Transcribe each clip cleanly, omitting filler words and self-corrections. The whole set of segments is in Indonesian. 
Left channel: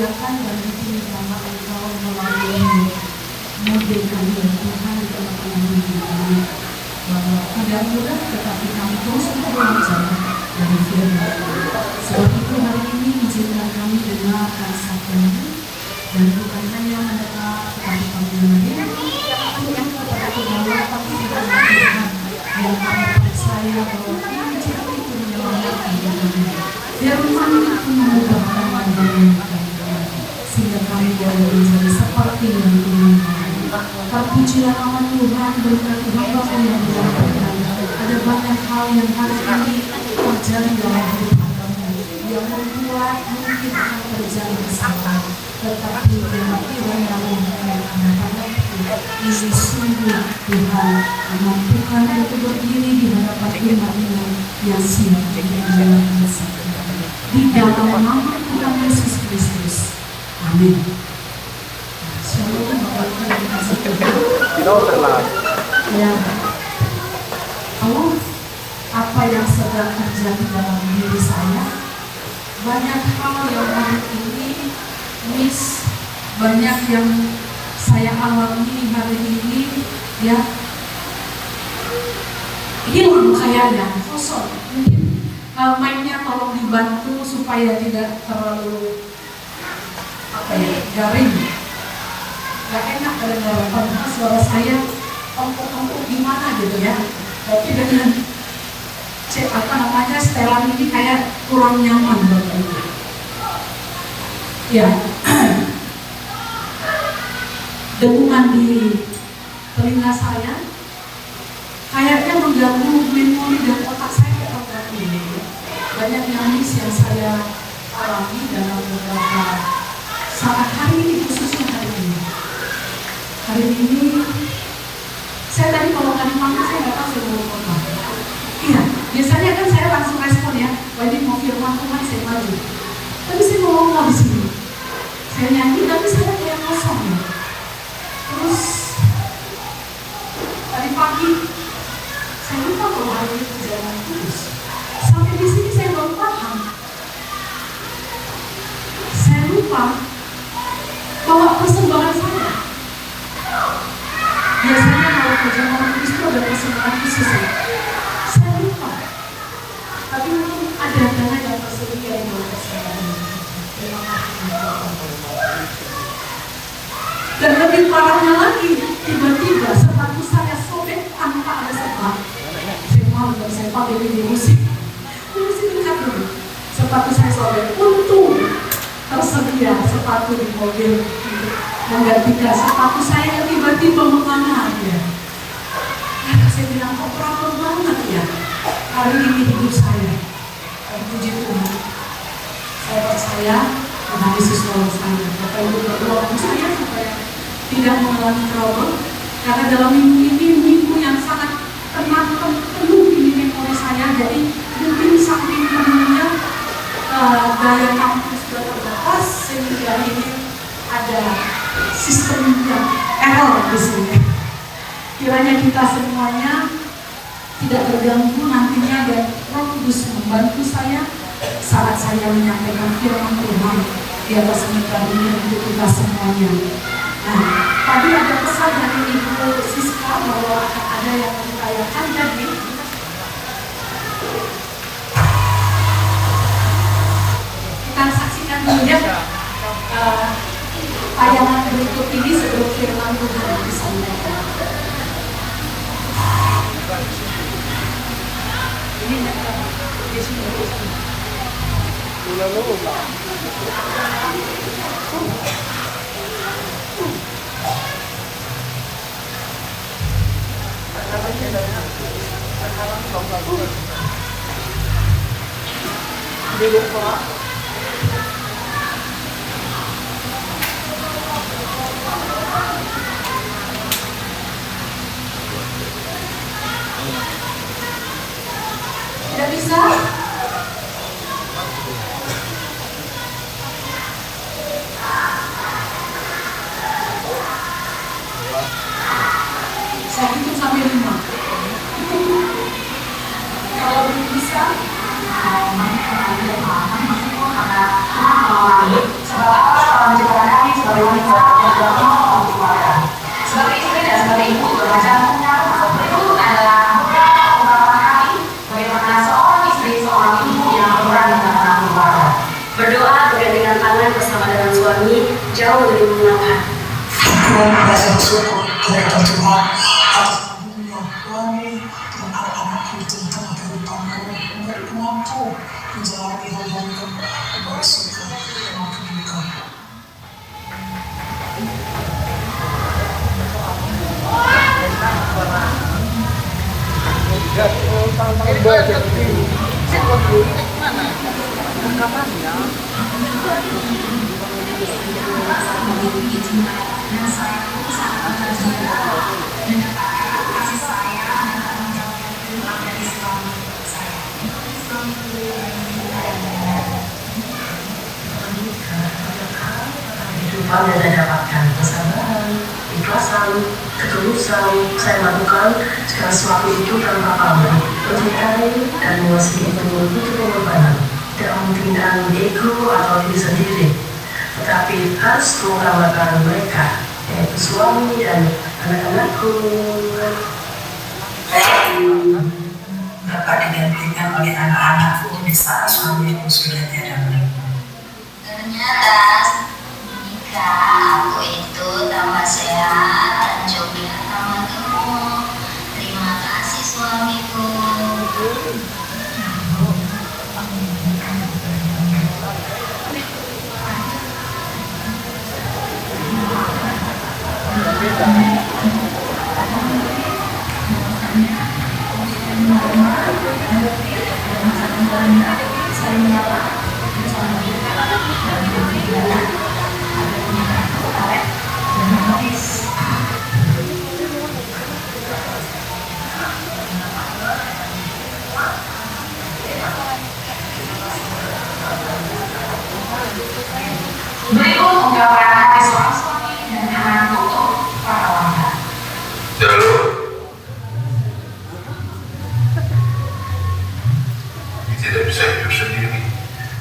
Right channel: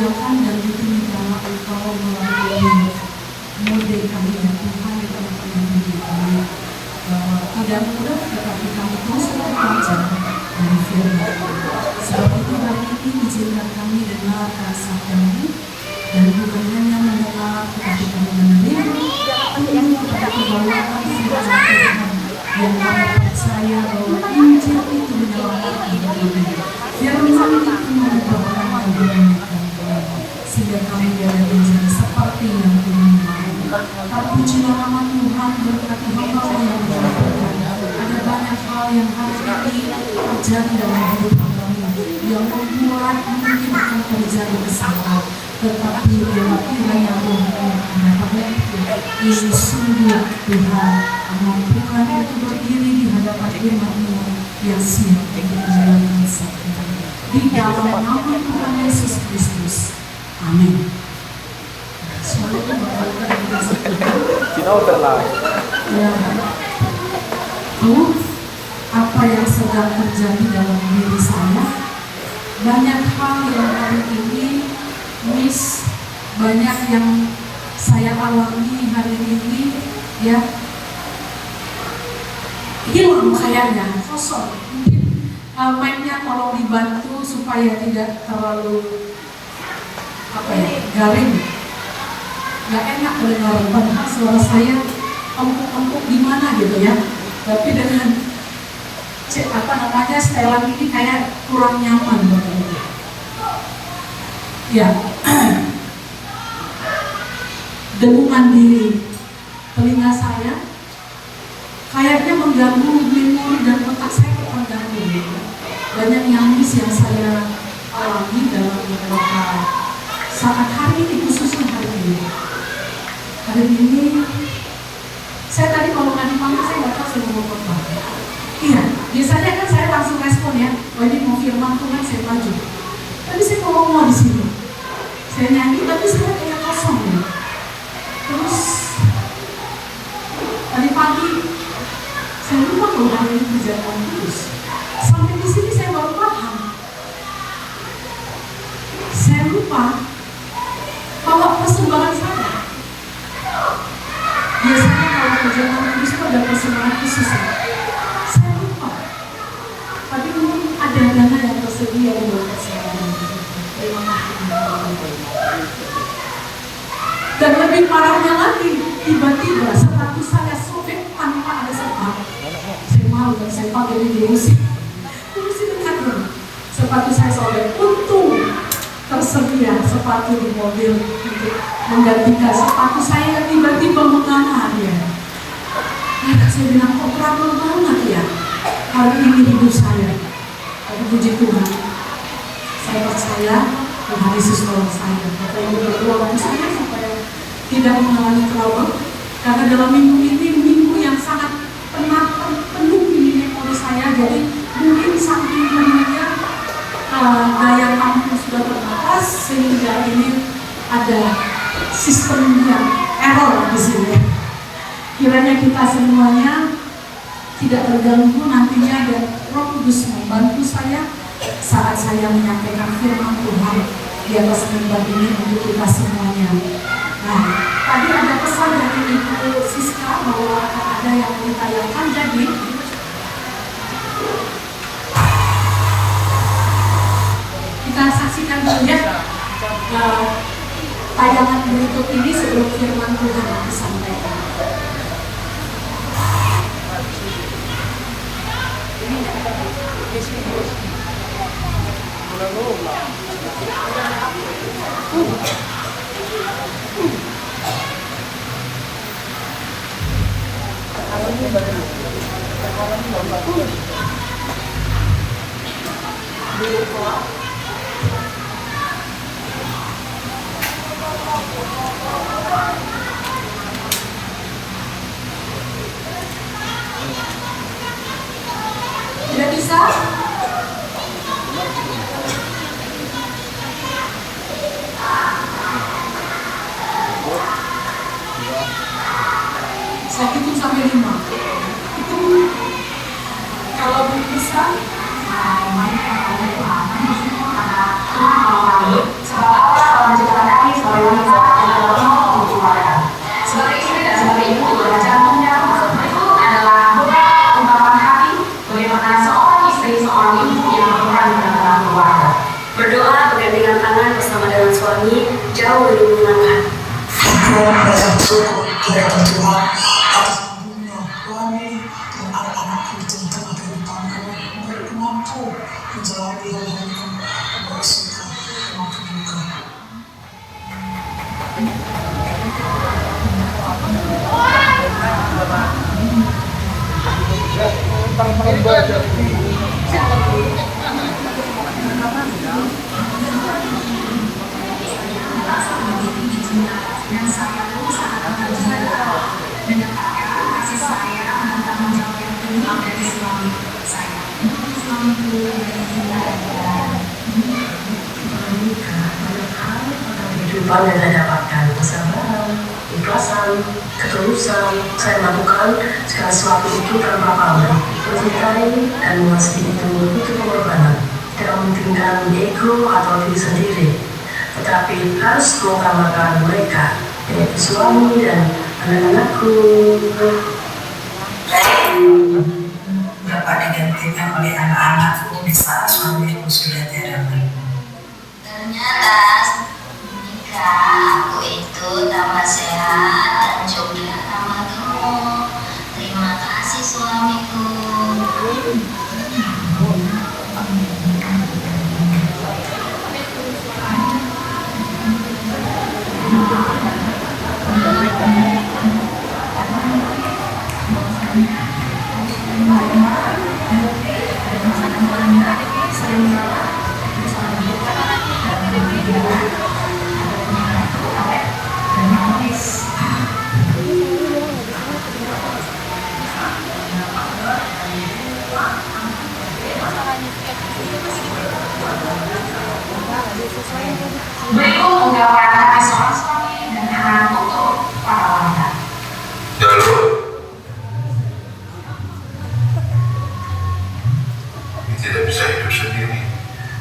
dimuliakan dan ditinggikan Engkau melalui model kami dan Tuhan kami pernah bahwa tidak mudah tetapi kami terus belajar dari firman. Sebab itu hari ini izinkan kami dengar rasakanmu dan bukan hanya mendengar tetapi kami menerima yang tetapi bahwa firman Tuhan yang kami percaya bahwa Injil itu menyelamatkan kami. Firman itu mengubah kami sehingga kami boleh menjadi seperti yang Tuhan mau. Terpujilah nama Tuhan berkat hamba yang berkat. Ada banyak hal yang hari ini terjadi dalam hidup kami yang membuat mungkin akan terjadi kesalahan, tetapi yang kiranya Tuhan pada ini sungguh Tuhan mampukan untuk berdiri di hadapan firman-Mu yang siap untuk menyelamatkan kami. Di dalam nama Tuhan Yesus Kristus. Amin. Ya, tahu apa yang sedang terjadi dalam diri saya? Banyak hal yang hari ini banyak yang saya alami hari ini, ya, hilang kayaknya, kosong. Mungkin mainnya tolong dibantu supaya tidak terlalu garing. Gak enak mendengar padahal suara saya empuk-empuk gimana gitu ya. Tapi dengan setelan ini kayak kurang nyaman buat saya. Ya, dengungan di telinga saya kayaknya mengganggu memori dan otak saya terganggu gitu. Banyak nangis yang saya alami dalam beberapa saat hari ini, khususnya hari ini. Hari ini, saya tadi kalau tadi panggil saya nggak tahu saya mau apa. Iya, biasanya kan saya langsung respon ya. Oh ini mau firman Tuhan saya maju. Tapi saya ngomong di sini. Saya nyanyi tapi saya kayak kosong ya. Terus tadi pagi saya lupa kalau hari ini kerjaan terus. Sampai di sini saya baru paham. Saya lupa bahwa persembahan saya. Biasanya kalau kerjaan tulis itu ada persembahan khusus ya. Saya lupa. Tapi mungkin ada dana yang tersedia di bawah persembahan. Terima kasih. Dan lebih parahnya lagi, tiba-tiba sepatu saya sobek tanpa ada sebab. Saya malu dan saya pakai video musik. Musik dekat dulu. Sepatu saya sobek. Untung tersedia sepatu di mobil untuk menggantikan sepatu saya yang tiba-tiba menganar ya. Ya, saya bilang kok trouble banget ya hari ini hidup saya. Tapi puji Tuhan, saya percaya Tuhan Yesus tolong saya. Bapak Ibu berdoa untuk saya supaya tidak mengalami trouble. Karena dalam minggu ini minggu yang sangat penuh di memori saya. Jadi mungkin saking penuhnya daya tampung sudah terbatas sehingga ini ada sistem yang error di sini. Kiranya kita semuanya tidak terganggu nantinya dan Roh Kudus membantu saya saat saya menyampaikan firman Tuhan di atas mimbar ini untuk kita semuanya. Nah, tadi ada pesan dari Ibu Siska bahwa akan ada yang mau ditayangkan, jadi kita saksikan dulu ya tayangan berikut ini sebelum firman Tuhan disampaikan. Tidak bisa? Saya hitung sampai 5. Itu kalau belum bisa, ada keluarga. Berdoa bergandengan tangan bersama dengan suami jauh lebih menyenangkan. Tuhan merasa bersyukur kiranya Tuhan atas dunia suami dan anak-anakku di tengah kehidupanku. Mereka mampu menjalani hari-hariku dengan suka maupun duka. Kehidupan dan dapatkan kesabaran, ikhlasan, ketulusan. Saya lakukan segala sesuatu itu tanpa pamrih, mencintai dan mengasihi itu pengorbanan, tidak mementingkan ego atau diri sendiri, tetapi harus mengutamakan mereka, yaitu suami dan anak-anakku. Dapat digantikan oleh anak-anakku di saat suamiku sudah tiada lagi. Ternyata nikah aku itu tambah sehat dan juga tambah gemuk. Terima kasih suamiku. Berikut ungkapan hati seorang suami dan anak untuk para wanita. Halo. Ini tidak bisa hidup sendiri.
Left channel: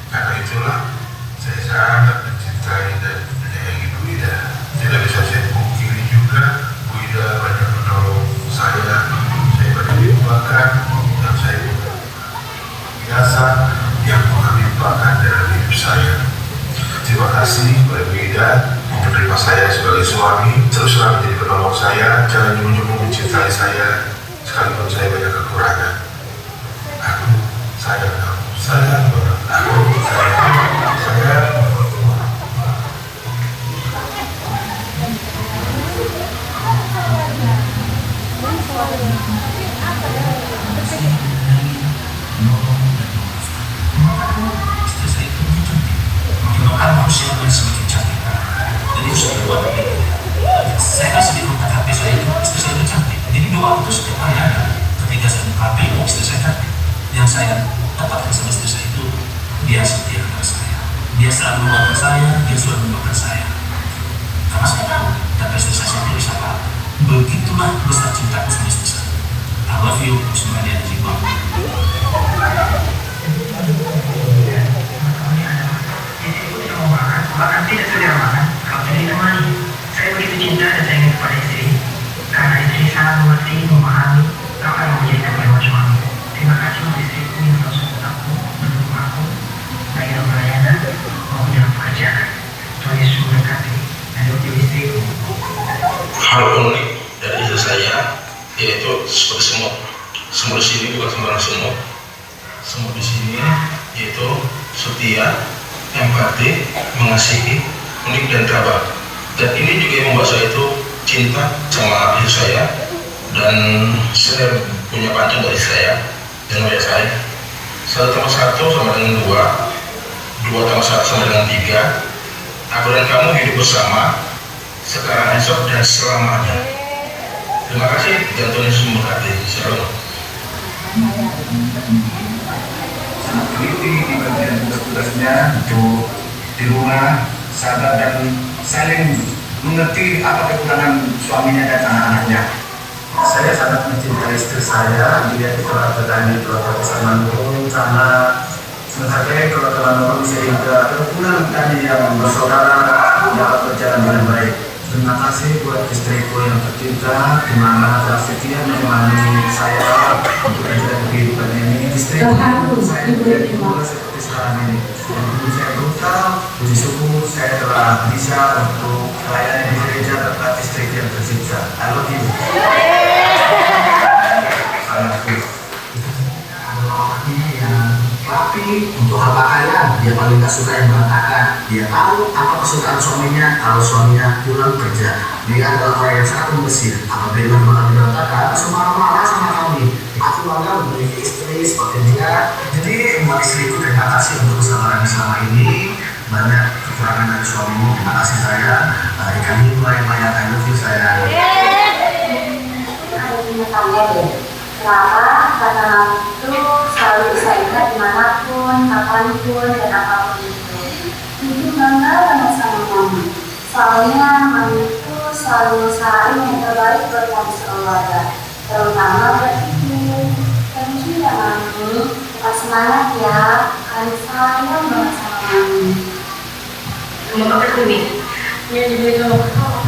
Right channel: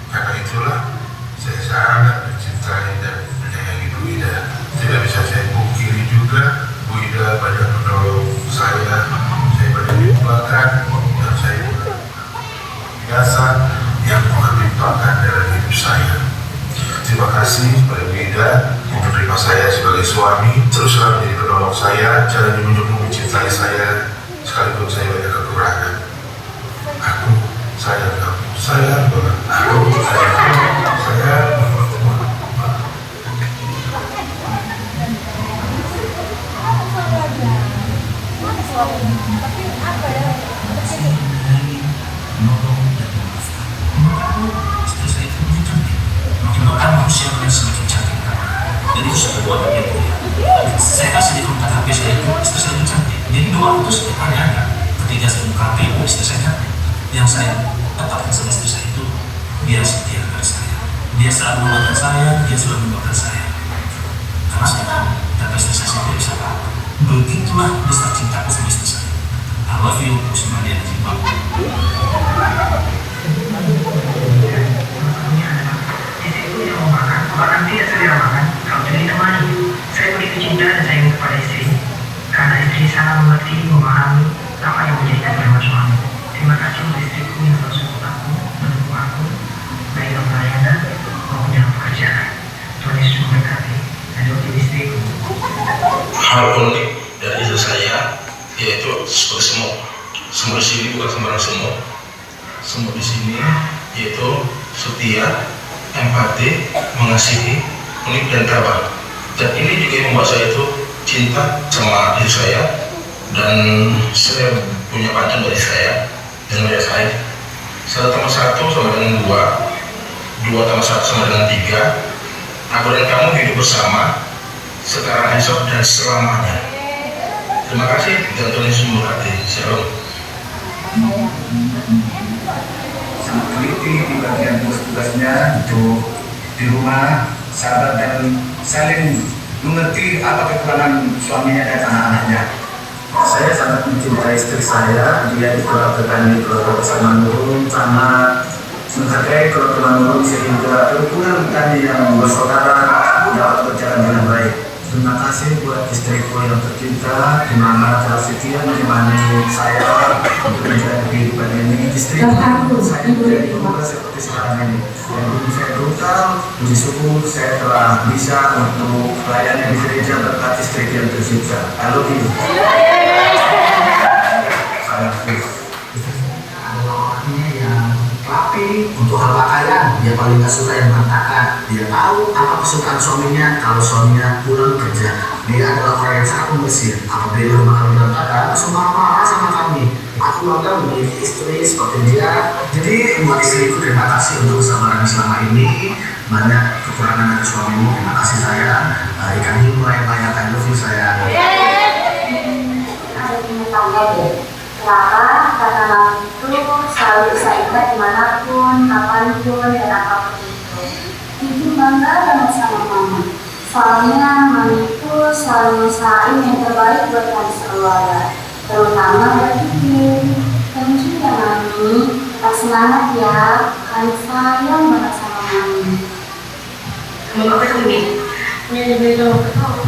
Karena itulah saya sangat mencintai dan menyayangi Bu Ida. Tidak bisa saya pungkiri juga, Bu Ida banyak menolong saya banyak dilupakan, dan saya biasa yang melimpahkan dalam hidup saya. Terima kasih kepada Bu Ida menerima saya sebagai suami, teruslah menjadi penolong saya, jangan menunjukkan mencintai saya, sekalipun saya banyak kekurangan. Aku sayang kamu, sayang banget. Aku sayang kamu, sayang. Bahkan manusia yang semakin cantik, jadi sudah dua itu. Saya kasih di kontak HP saya itu istri saya itu cantik. Jadi dua itu setiap hari ada. Ketika saya buka HP, istri saya cantik. Yang saya dapatkan sama istri saya itu dia setia kepada saya. Dia selalu mendoakan saya, dia selalu mendoakan saya. Karena saya tahu, tapi istri saya sendiri siapa. Begitulah besar cintaku sama istri saya. I love you, Usmani Ajibah. Bahkan tidak sekedar makan, kalau tidak ditemani. Saya begitu cinta dan sayang kepada istri, karena istri sangat mengerti, memahami apa yang menjadi kebutuhan suami. Terima kasih untuk istriku yang selalu support aku, mendukung aku, baik dalam pelayanan maupun dalam pekerjaan. Tuhan Yesus memberkati dan diuji istriku. Hal unik dari istri saya yaitu seperti semut. Semut di sini bukan sembarang semut. Semut di sini yaitu setia, empati, mengasihi, unik dan tabah. Dan ini juga yang membuat saya itu cinta sama diri saya, dan saya punya pantun dari saya dan dari saya. 1+1 sama dengan 2, 2+1 sama dengan 3. Aku dan kamu hidup bersama sekarang, esok, dan selamanya. Terima kasih dan Tuhan Yesus memberkati. Shalom. Sangat teliti di bagian tugas-tugasnya untuk di rumah, sabar dan saling mengerti apa kekurangan suaminya dan anak-anaknya. Saya sangat mencintai istri saya, dia di keluarga petani, keluarga pasangan Nurul, sama mencapai keluarga Nurul sehingga kerukunan kami yang bersaudara dapat berjalan dengan baik. Terima kasih buat istriku yang tercinta, di mana telah setia menemani saya untuk menjalani kehidupan ini. Istriku saya diberi juga seperti sekarang ini. Dan dulu saya brutal, puji syukur saya telah bisa untuk melayani di gereja berkat istriku yang tercinta. I love you. Saya Tapi untuk hal pakaian, dia paling gak suka yang berantakan. Dia tahu apa kesukaan suaminya kalau suaminya pulang kerja. Dia adalah orang yang sangat pembersih. Apabila rumah kami berantakan, langsung marah-marah sama kami. Aku bangga memiliki istri seperti dia. Jadi buat istriku, terima kasih untuk kesabaran selama ini. Banyak kekurangan dari suamimu, terima kasih saya. Ikan hiu yang banyak, I love you sayang. Kenapa? Karena itu selalu saya ingat dimanapun, kapanpun, dan apapun itu. Bikin bangga banget sama mama. Soalnya mama itu selalu usahain yang terbaik buat kami sekeluarga. Terutama buat Kiki. Dan juga mami, tetap semangat ya. Kami sayang banget sama mami. Mama kan dia gitu,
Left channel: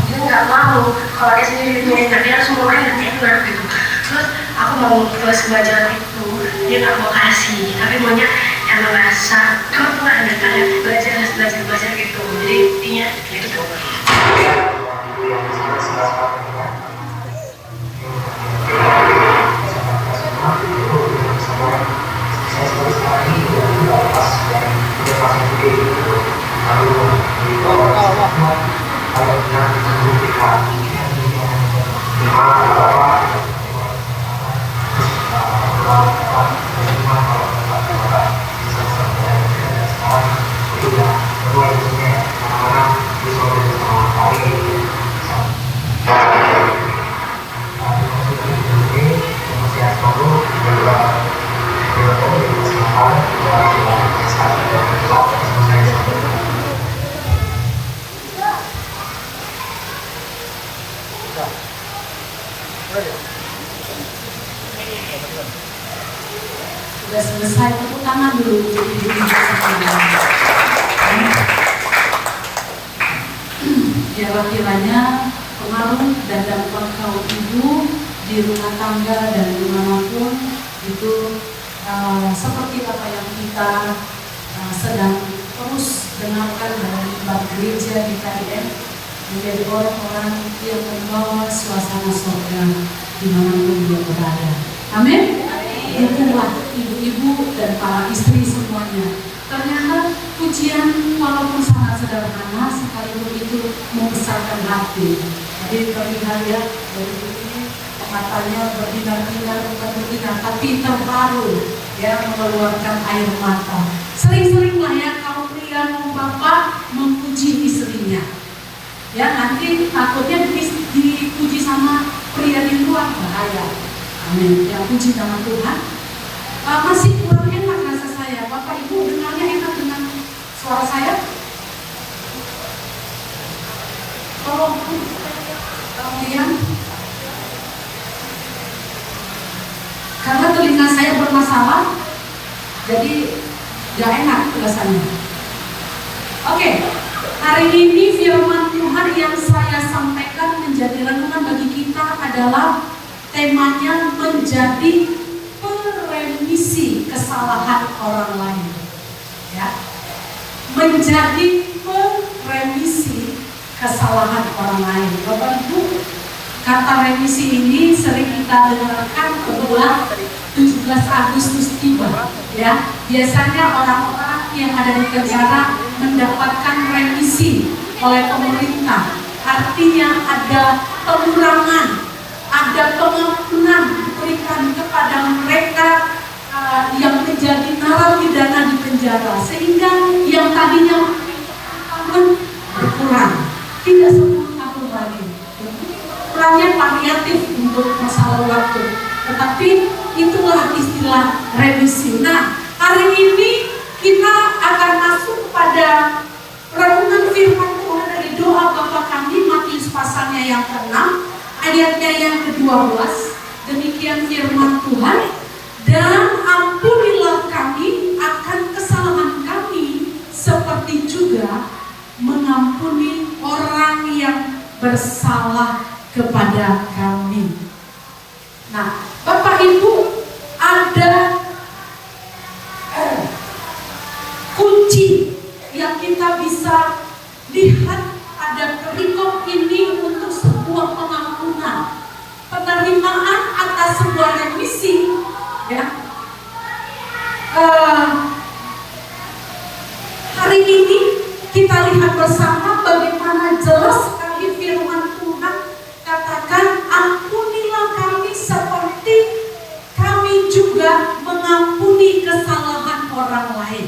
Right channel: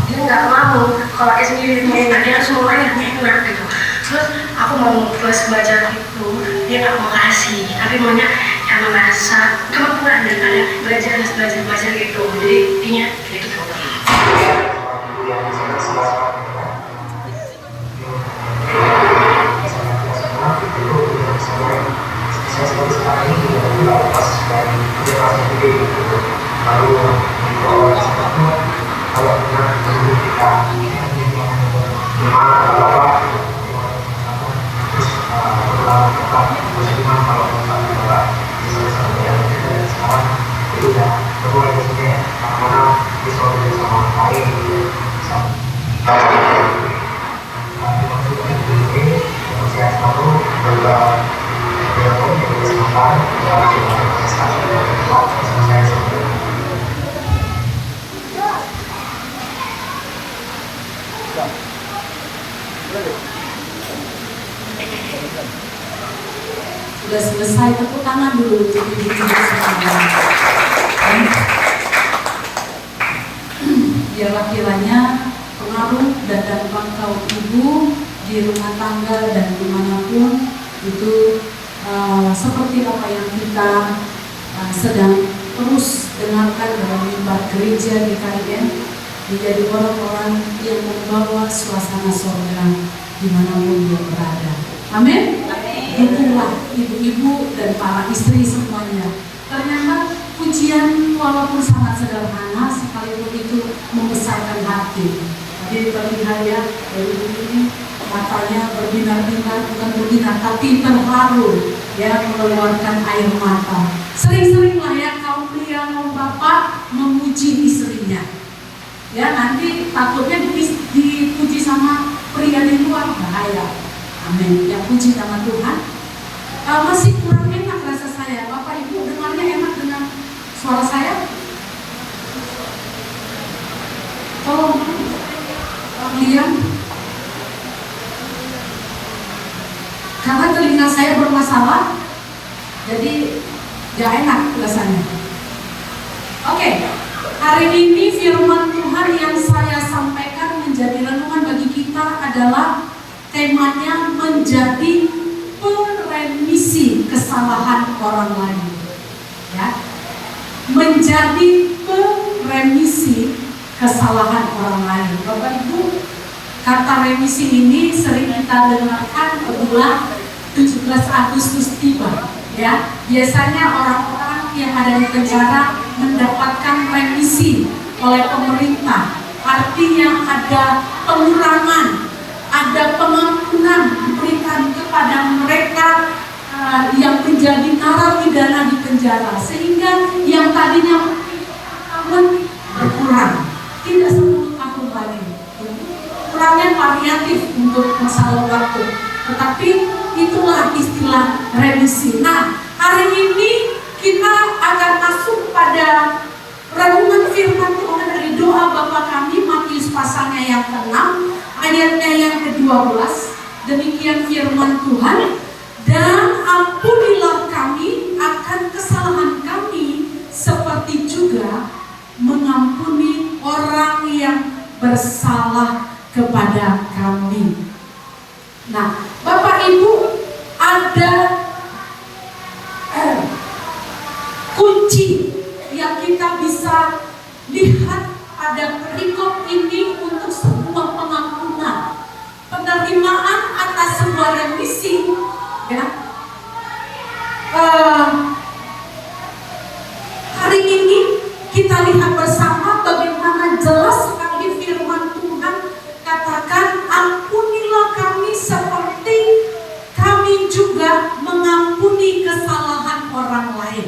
dia nggak mau kalau dia sendiri punya enak, dia harus mau yang enak gitu. Terus aku mau kelas belajar itu, dia nggak mau kasih, tapi maunya yang merasa kamu nggak ada belajar gitu. Jadi intinya gitu. Sudah selesai, tepuk tangan dulu. Biarlah kiranya pengaruh dan dampak kaum ibu di rumah tangga dan dimanapun itu seperti apa yang kita sedang terus dengarkan dalam mimbar gereja di KDM, menjadi orang-orang yang membawa suasana surga dimanapun dia berada. Amin. Itulah ibu-ibu dan para istri semuanya. Ternyata pujian walaupun sangat sederhana, sekalipun itu membesarkan hati. Jadi bagi saya dari ini matanya berbinar-binar, bukan berbinar tapi terharu, ya, mengeluarkan air mata. Sering-seringlah ya kaum pria kaum bapak memuji istrinya. Ya, nanti takutnya dipuji sama pria di luar, bahaya. Amin. Ya, puji nama Tuhan. Masih kurang enak rasa saya. Bapak Ibu dengarnya enak dengan suara saya? Tolong kemudian, karena telinga saya bermasalah, jadi gak enak rasanya. Oke, hari ini firman Tuhan yang saya sampaikan menjadi renungan bagi kita adalah temanya menjadi peremisi kesalahan orang lain. Ya, menjadi peremisi kesalahan orang lain. Bapak Ibu, kata remisi ini sering kita dengarkan bulan 17 Agustus tiba. Ya, biasanya orang-orang yang ada di penjara mendapatkan remisi oleh pemerintah. Artinya ada pengurangan, ada pengampunan diberikan kepada mereka yang menjadi narapidana di penjara, sehingga yang tadinya tahun berkurang, tidak 10 tahun lagi. Kurangnya variatif untuk masalah waktu, tetapi itulah istilah remisi. Nah, hari ini kita akan masuk pada renungan firman Tuhan dari doa Bapa Kami, Matius pasalnya yang ke-6, ayatnya yang ke-12. Demikian firman Tuhan, dan ampunilah kami akan kesalahan kami seperti juga mengampuni orang yang bersalah kepada kami. Nah, Bapak Ibu, ada kunci yang kita bisa lihat pada perikop ini untuk sebuah pengampunan, penerimaan atas sebuah remisi, ya. Hari ini kita lihat bersama bagaimana jelas sekali firman Tuhan katakan, ampunilah kami seperti kami juga mengampuni kesalahan orang lain.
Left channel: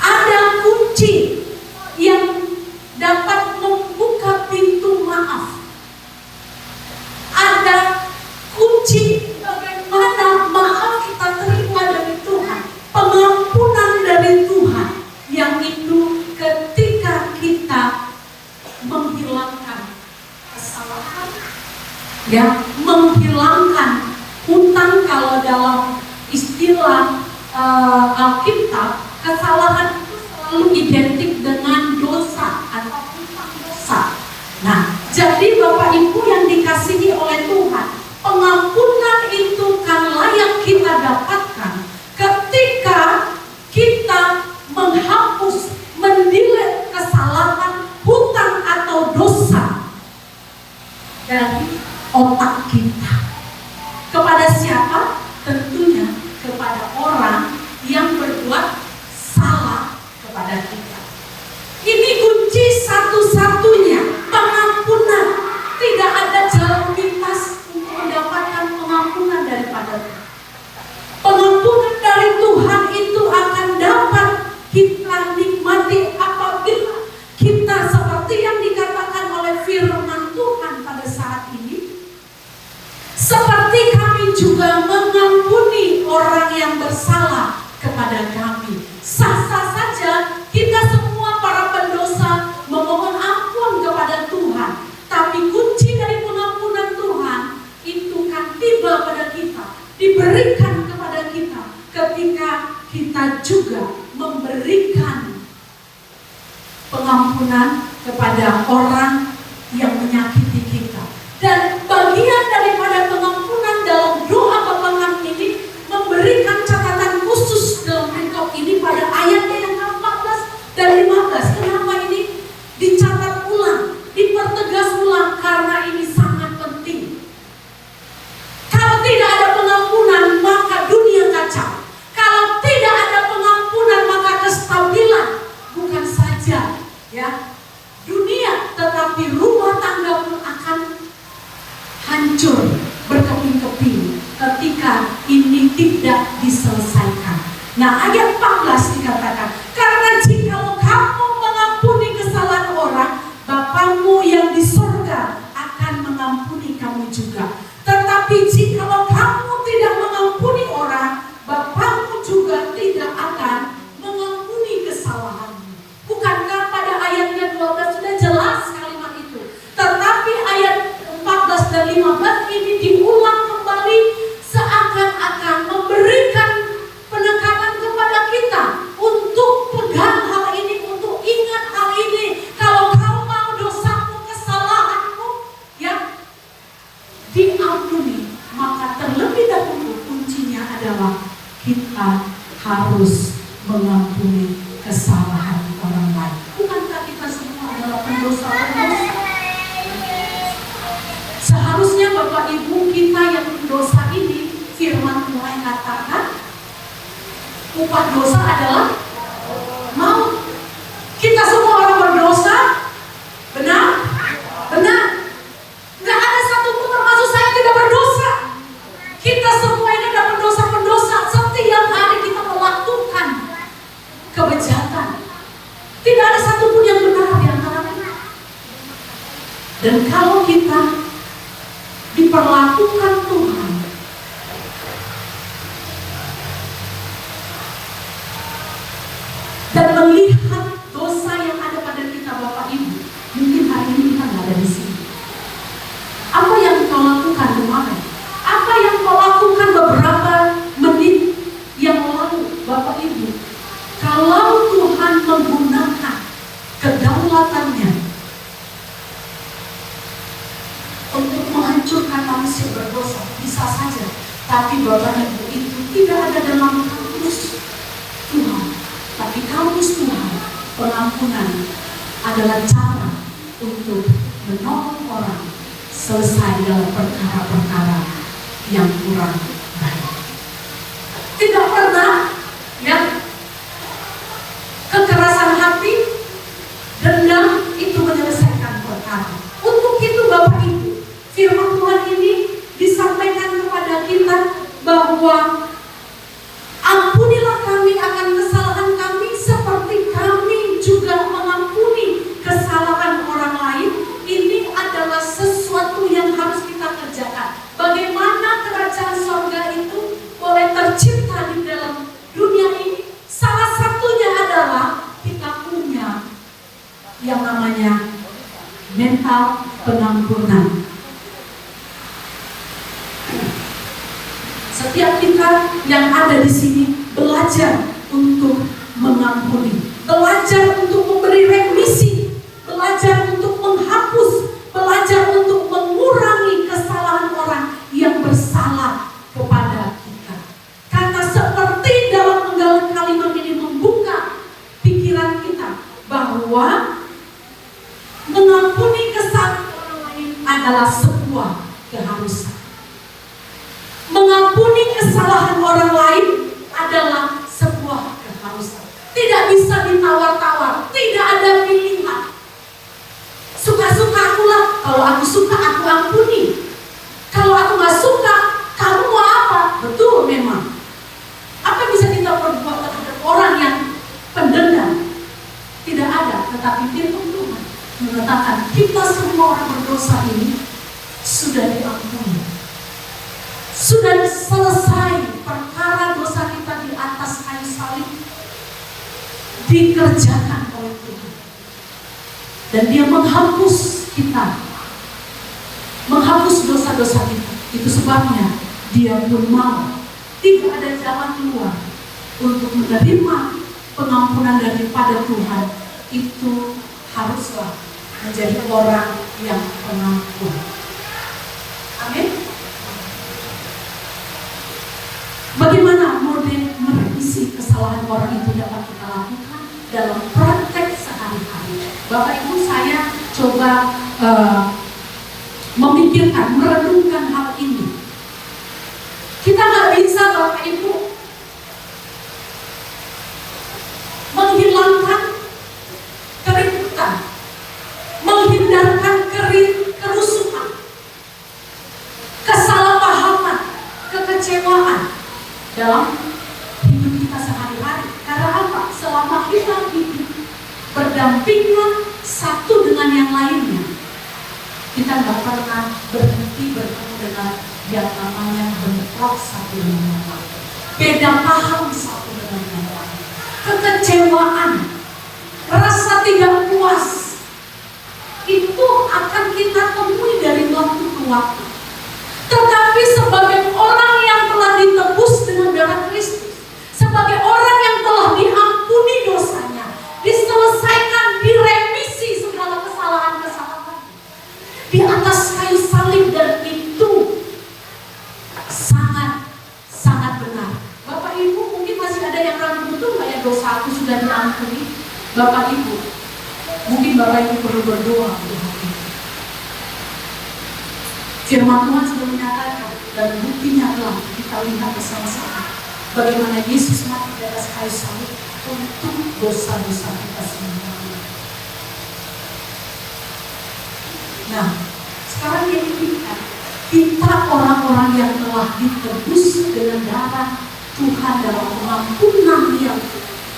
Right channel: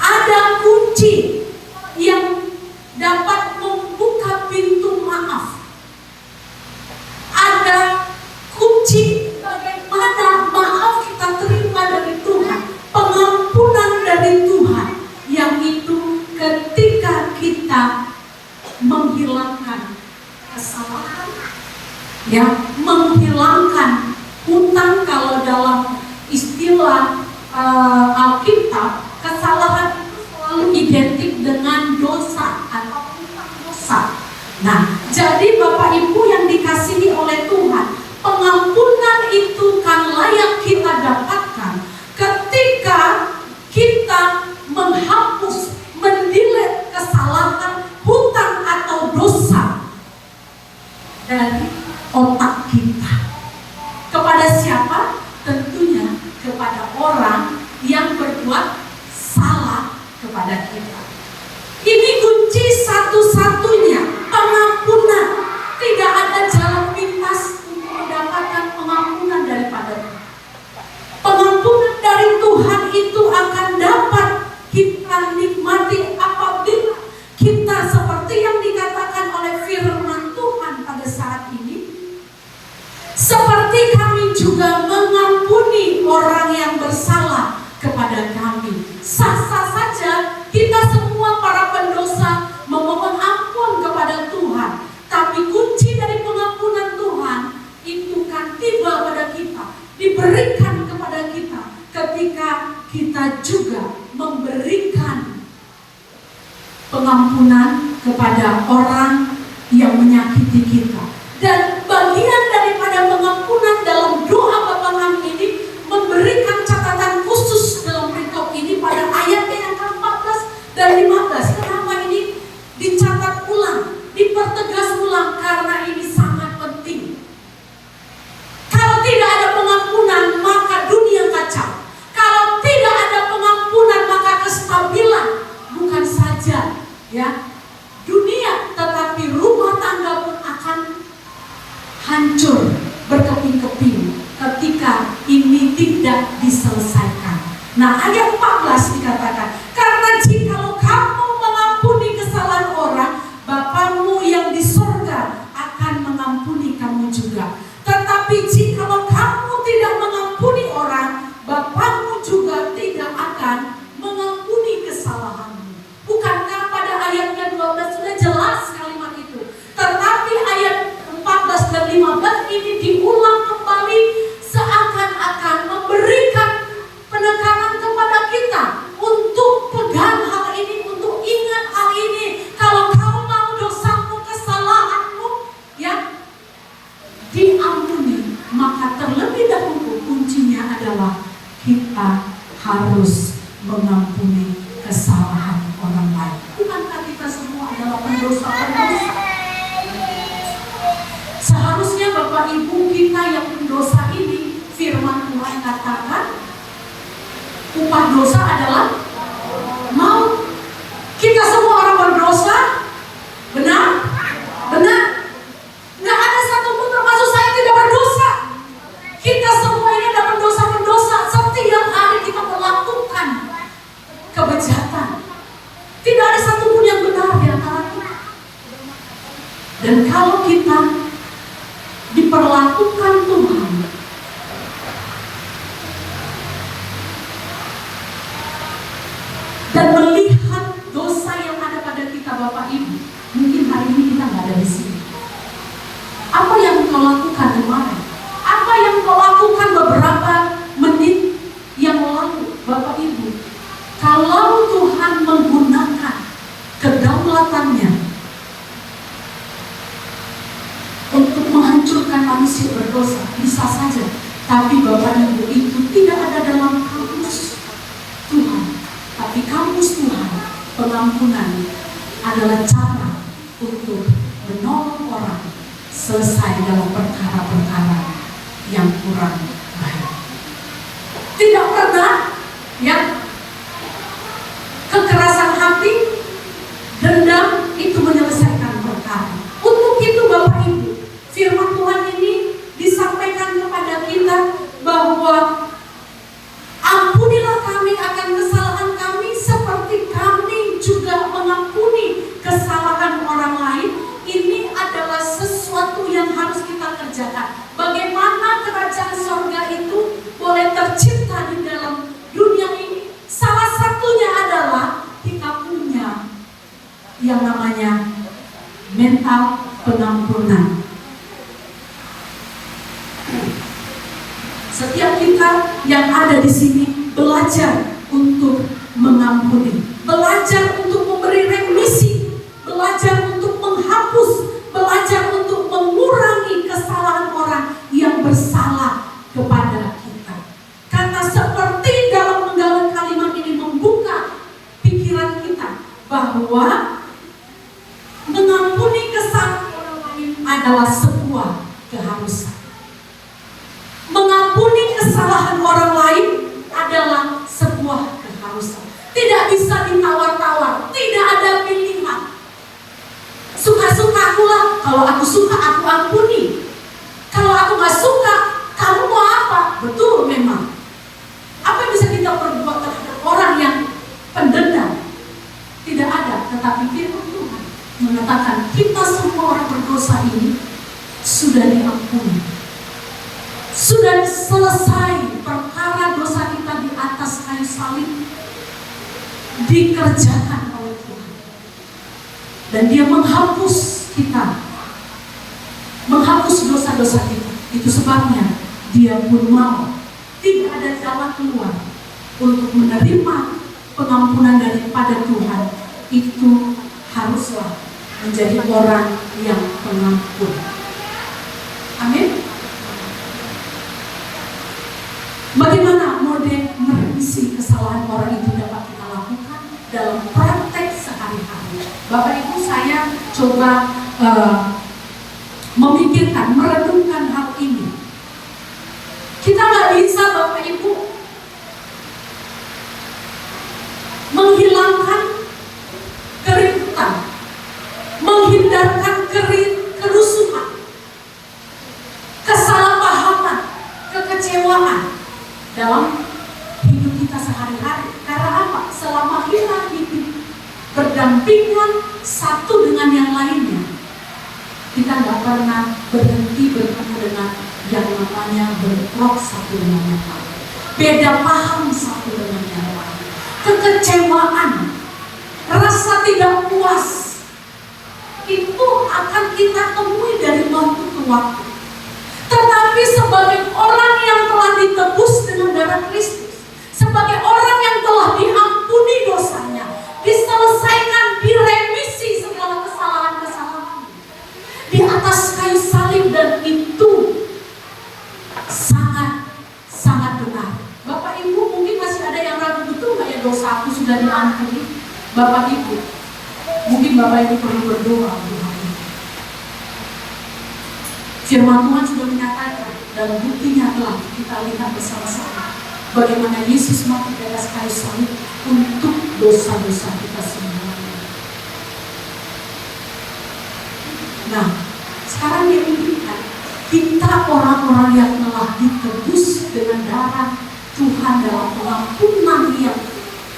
Ada kunci yang dapat membuka pintu maaf. Ada kunci bagaimana maaf kita terima dari Tuhan, pengampunan dari Tuhan, yang itu ketika kita menghilangkan kesalahan, ya, menghilangkan hutang. Kalau dalam istilah Alkitab, kesalahan itu selalu identik dengan dosa atau hutang dosa. Nah, jadi Bapak Ibu yang dikasihi oleh Tuhan, pengampunan itu kan layak kita dapatkan ketika kita menghapus, mendelete kesalahan, hutang atau dosa dari otak kita. Kepada siapa? Tentunya kepada orang yang berbuat salah kepada kita. Ini kunci satu-satunya, pengampunan. Tidak ada jalan pintas untuk mendapatkan pengampunan daripada Tuhan. Pengampunan dari Tuhan itu akan dapat kita nikmati apabila kita seperti yang dikatakan oleh firman Tuhan pada saat ini, seperti kami juga mengampuni orang yang bersalah kepada kami. Sah-sah saja kita semua para pendosa memohon ampun kepada Tuhan, tapi kunci dari pengampunan Tuhan itu kan tiba pada kita, diberikan kepada kita ketika kita juga memberikan pengampunan kepada orang yang menyakiti kita. Dan bagian daripada pengampunan dalam doa Bapangan ini memberikan catatan khusus dalam perikop ini pada ayatnya yang ke-14 dan 15. Kenapa ini dicatat ulang, dipertegas ulang? Karena ini sangat penting. Kalau tidak ada pengampunan, maka dunia kacau. Kalau tidak ada pengampunan, maka kestabilan bukan saja, ya, dunia, tetapi rumah tangga pun akan hancur berkeping-keping ketika ini tidak diselesaikan. Nah, ayat 14 dikatakan, karena jikalau kamu mengampuni kesalahan orang, Bapamu yang di sorga akan mengampuni kamu juga. Tetapi jikalau kamu tidak mengampuni orang, Bapamu juga tidak akan mengampuni kesalahanmu. Bukankah pada ayatnya 12 sudah jelas kalimat itu? Tetapi ayat 14 dan 15 ini diulang kembali, seakan-akan memberikan penekanan kepada kita untuk pegang hal ini, untuk ingat hal ini. Kalau kau mau dosamu, kesalahanmu, ya, diampuni, maka terlebih dahulu kuncinya adalah kita harus mengampuni kesalahan orang lain. Bukankah kita semua adalah pendosa-pendosa? Seharusnya Bapak Ibu kita yang pendosa ini, firman Tuhan katakan, upah dosa adalah maut. Kita semua orang berdosa, benar? Benar? Nggak ada satupun termasuk saya tidak berdosa. Kita semua ini adalah pendosa-pendosa. Setiap hari kita melakukan kebejatan. Tidak ada satupun yang benar di antara kita. Dan kalau kita diperlakukan Tuhan dan melihat dosa yang ada pada kita, Bapak Ibu, mungkin hari ini kita nggak ada di sini. Apa yang kau lakukan kemarin? Apa yang kau lakukan beberapa menit yang lalu, Bapak Ibu? Kalau Tuhan menggunakan kedaulatannya Tapi Bapak Ibu itu tidak ada dalam kamus Tuhan. Tapi kamus Tuhan, pengampunan adalah cara untuk menolong orang selesai dalam perkara-perkara yang kurang baik. Tidak pernah kekerasan hati, dendam itu menyelesaikan perkara. Untuk itu Bapak Ibu, firman Tuhan ini disampaikan kepada kita bahwa ampunilah kami akan kesalahan kami seperti kami juga mengampuni kesalahan orang lain. Ini adalah sesuatu yang harus kita kerjakan. Bagaimana kerajaan surga itu boleh tercipta di dalam dunia ini? Salah satunya adalah kita punya yang namanya mental pengampunan. Setiap kita yang ada di sini belajar untuk mengampuni, belajar untuk memberi remisi, belajar untuk menghapus, belajar untuk mengurangi kesalahan orang yang bersalah kepada kita. Karena seperti dalam penggalan kalimat ini membuka pikiran kita bahwa mengampuni kesalahan orang lain adalah sebuah keharusan. Mengampuni kesalahan orang lain adalah sebuah keharusan. Tidak bisa ditawar-tawar, tidak ada pilihan. Suka-suka akulah, kalau aku suka aku ampuni. Kalau aku gak suka, kamu mau apa? Betul memang. Apa bisa kita perbuat terhadap orang yang pendendam? Tidak ada, tetapi firman Tuhan mengatakan kita semua orang berdosa ini sudah diampuni. Sudah selesai perkara dosa kita di atas kayu salib, dikerjakan oleh Tuhan. Dan Dia menghapus kita, menghapus dosa-dosa kita. Itu sebabnya Dia pun mau, tidak ada jalan keluar untuk menerima pengampunan daripada Tuhan. Itu haruslah menjadi orang yang pengampun. Amin. Bagaimana model merevisi kesalahan orang itu dapat kita lakukan dalam praktek sehari-hari? Bapak Ibu, saya coba memikirkan, merenungkan hal ini. Kita nggak bisa Bapak Ibu menghilangkan keributan, menghindarkan kerusuhan, kesalahpahaman, kekecewaan dalam hidup kita sehari-hari. Karena apa? Selama kita hidup berdampingan satu dengan yang lainnya, kita nggak pernah berhenti bertemu dengan yang namanya bentrok satu dengan yang lain, beda paham satu dengan yang lain, kekecewaan, rasa tidak puas, itu akan kita temui dari waktu ke waktu. Tetapi sebagai orang yang telah ditebus dengan darah Kristus, sebagai orang yang telah diampuni dosanya, diselesaikan, diremisi segala kesalahan-kesalahan di atas kayu salib, dan itu sangat benar. Bapak Ibu mungkin masih ada yang ragu, betul nggak ya dosa aku sudah diampuni? Bapak Ibu, mungkin Bapak Ibu perlu berdoa untuk hal ini. Firman Tuhan sudah menyatakan, dan buktinya telah kita lihat bersama-sama bagaimana Yesus mati di atas kayu salib untuk dosa-dosa kita semua. Nah, sekarang diinginkan kita orang-orang yang telah ditebus dengan darah Tuhan dalam pengampunan yang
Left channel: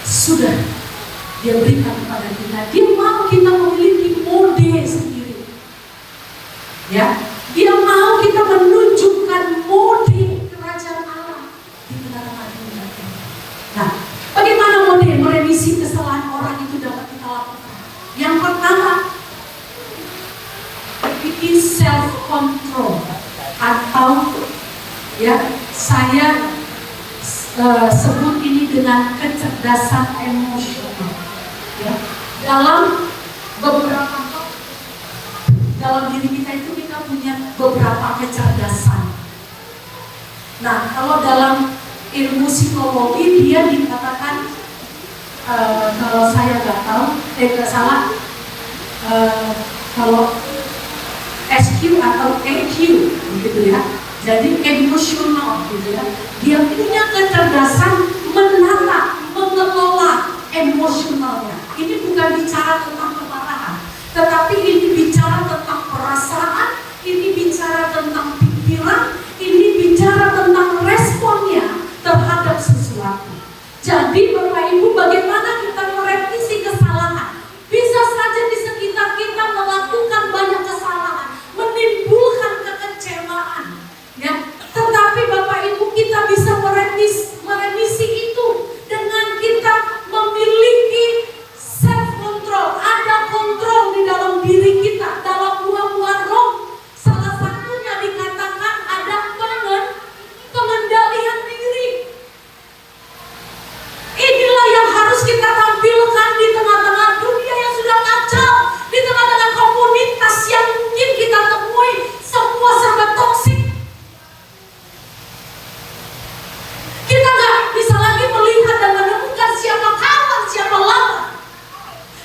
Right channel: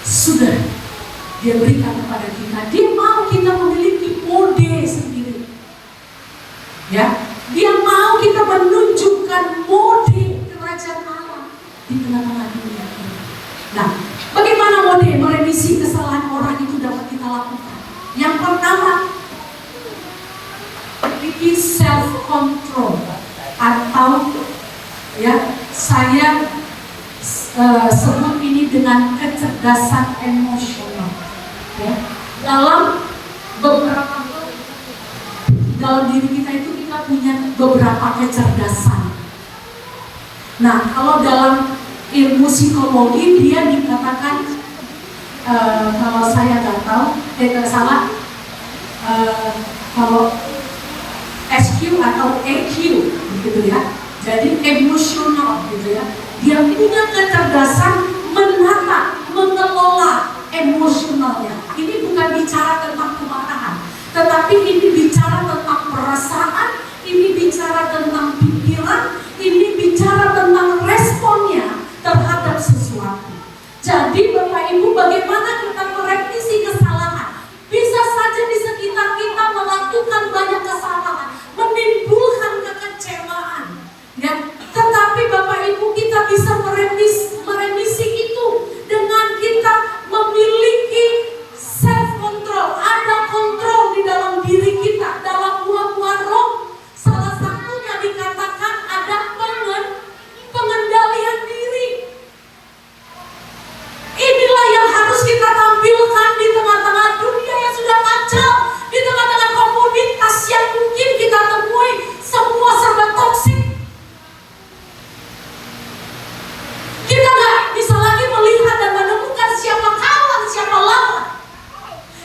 sudah Dia berikan kepada kita. Dia mau kita memiliki mode sendiri, ya. Dia mau kita menunjukkan mode kerajaan Allah di tengah-tengah dunia ini. Nah, bagaimana mode merevisi kesalahan orang itu dapat kita lakukan? Yang pertama, memiliki self control, atau ya saya sebut ini dengan kecerdasan emosional. Ya, dalam diri kita itu kita punya beberapa kecerdasan. Nah, kalau dalam ilmu psikologi dia dikatakan kalau saya nggak tahu, salah, kalau SQ atau EQ gitu ya. Jadi emosional gitu ya. Dia punya kecerdasan menata, mengelola emosionalnya. Ini bukan bicara tentang kemarahan, tetapi ini bicara tentang perasaan, ini bicara tentang pikiran, ini bicara tentang responnya terhadap sesuatu. Jadi Bapak Ibu, bagaimana kita merevisi kesalahan? Bisa saja di sekitar kita melakukan banyak kesalahan, menimbulkan kekecewaan, ya. Tetapi Bapak Ibu, kita bisa merevisi itu dengan kita memiliki self control, ada kontrol di dalam diri kita, dalam buah-buah roh. Salah satunya dikatakan ada pengendalian diri. Inilah yang harus kita tampilkan di tengah-tengah dunia yang sudah kacau, di tengah-tengah komunitas yang mungkin kita temui semua serba toksik. Kita nggak bisa lagi melihat dan menemukan siapa kawan, siapa lawan.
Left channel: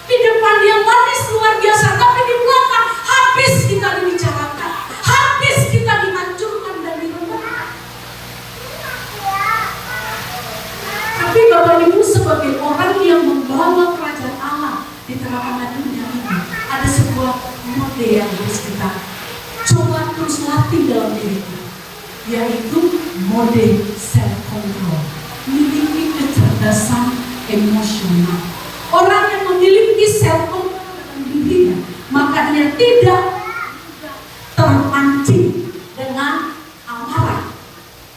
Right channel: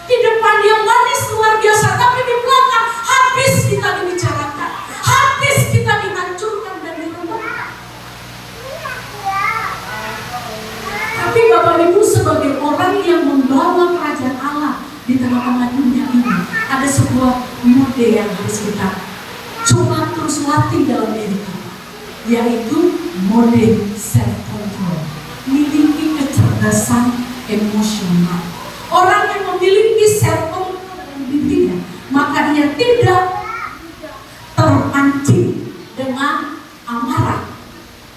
Di depan dia manis luar biasa, tapi di belakang habis kita dibicarakan, habis kita dihancurkan dan diremehkan. Tapi Bapak Ibu, sebagai orang yang membawa kerajaan Allah di tengah-tengah dunia ini, ada sebuah mode yang harus kita coba terus latih dalam diri kita, yaitu mode self control, memiliki kecerdasan emosional. Orang yang memiliki self control dalam dirinya, maka dia tidak terpancing dengan amarah,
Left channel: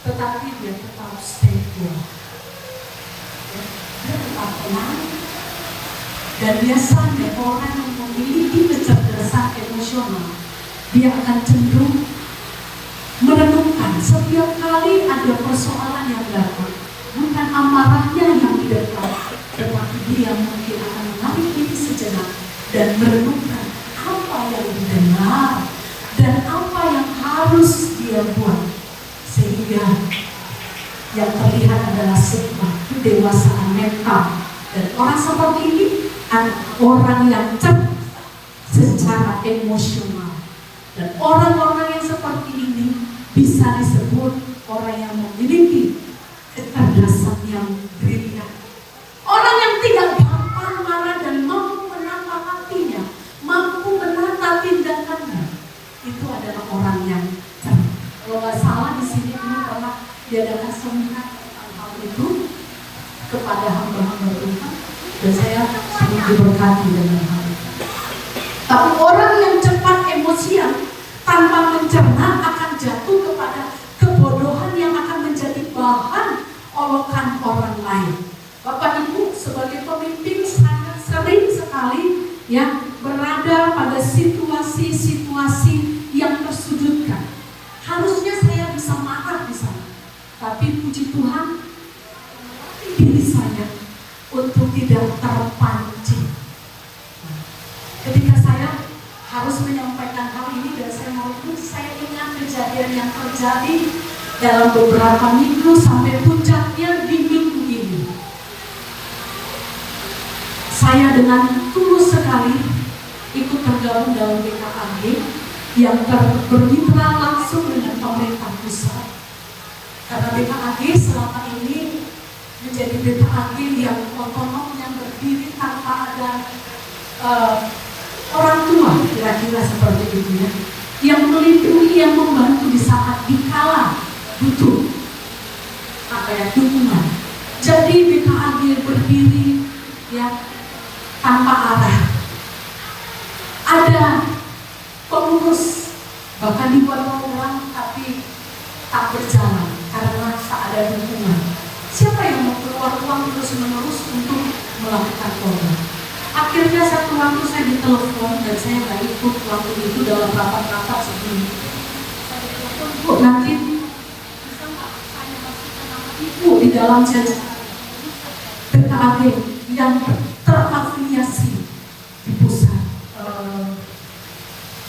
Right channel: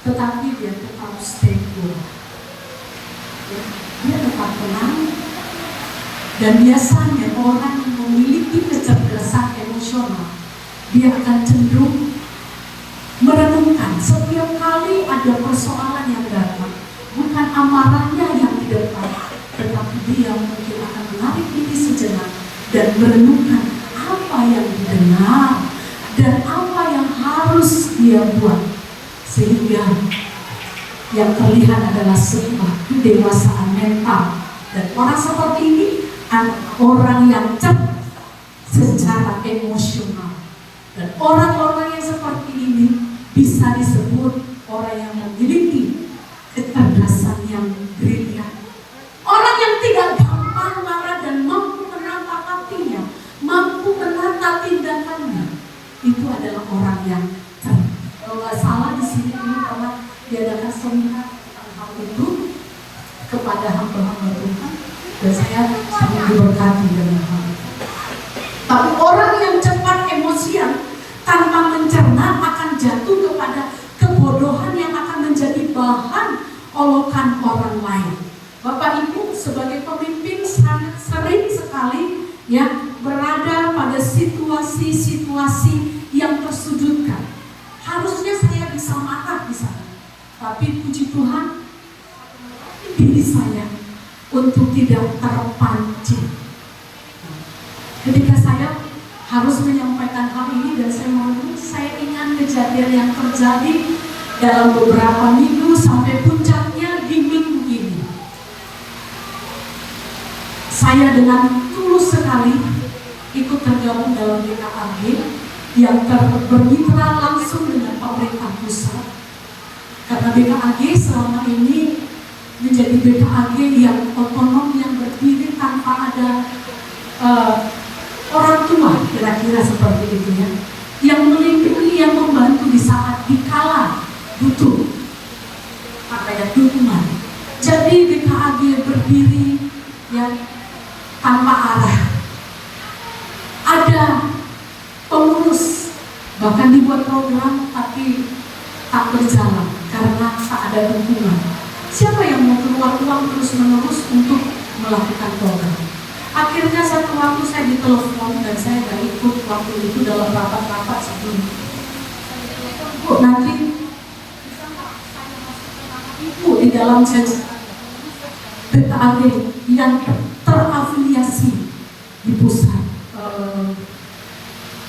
tetapi dia tetap stable. Dia tetap tenang. Dan biasanya orang yang memiliki kecerdasan emosional, dia akan cenderung merenungkan setiap kali ada persoalan yang datang, bukan amarahnya yang di depan, tetapi dia mungkin akan menarik diri sejenak dan merenungkan apa yang didengar dan apa yang harus dia buat, sehingga yang terlihat adalah sebuah kedewasaan mental. Dan orang seperti ini adalah orang yang cerdas secara emosional. Dan orang-orang yang seperti ini bisa disebut orang yang memiliki kecerdasan yang brilian. Orang yang tidak gampang marah dan mampu menata hatinya, mampu menata tindakannya, itu adalah orang yang cerdas. Kalau nggak salah di sini ini telah diadakan seminar tentang hal itu kepada hamba-hamba Tuhan, dan saya sangat diberkati dengan hal itu. Tapi orang yang cepat emosian tanpa mencerna akan jatuh kepada kebodohan yang akan menjadi bahan olokan orang lain. Bapak Ibu, sebagai pemimpin sangat sering sekali ya berada pada situasi-situasi yang tersudutkan. Harusnya saya bisa marah di sana, tapi puji Tuhan, diri saya untuk tidak terpancing. Ketika saya harus menyampaikan hal ini dan saya merenung, saya ingat kejadian yang terjadi dalam beberapa minggu sampai puncaknya di minggu ini. Saya dengan tulus sekali ikut tergabung dalam BKAG yang bermitra langsung dengan pemerintah pusat. Karena BKAG selama ini menjadi BKAG yang otonom, yang berdiri tanpa ada orang tua, kira-kira seperti itu ya, yang melindungi, yang membantu di saat dikala butuh dukungan. Jadi BKAG berdiri ya tanpa arah. Ada pengurus, bahkan dibuat program tapi tak berjalan karena tak ada dukungan. Siapa yang mau keluar uang terus-menerus untuk melakukan program? Akhirnya satu waktu saya ditelepon dan saya nggak ikut waktu itu dalam rapat-rapat sebelumnya. Saya ditelepon, Bu, nanti bisa nggak saya masukkan nama Ibu di dalam jajaran BKAG yang terafiliasi di pusat.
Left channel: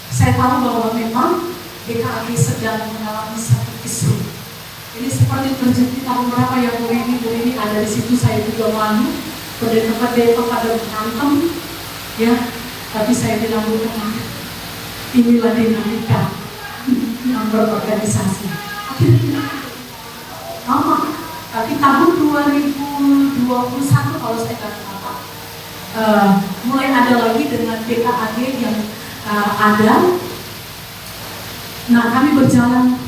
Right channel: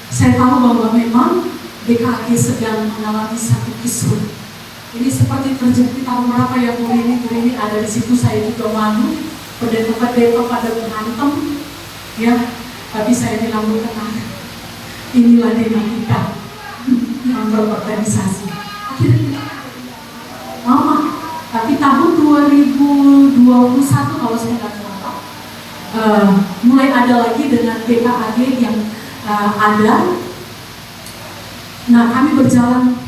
Saya tahu bahwa memang BKAG sedang mengalami satu kisruh. Ini seperti terjadi pada beberapa yang beri ada di situ, saya juga malu. Pendeta pada berantem, ya. Tapi saya bilang tenang. Inilah dinamika yang berorganisasi. Akhirnya lama, tapi tahun 2021 kalau saya kata mulai ada lagi dengan BKAG yang ada. Nah, kami berjalan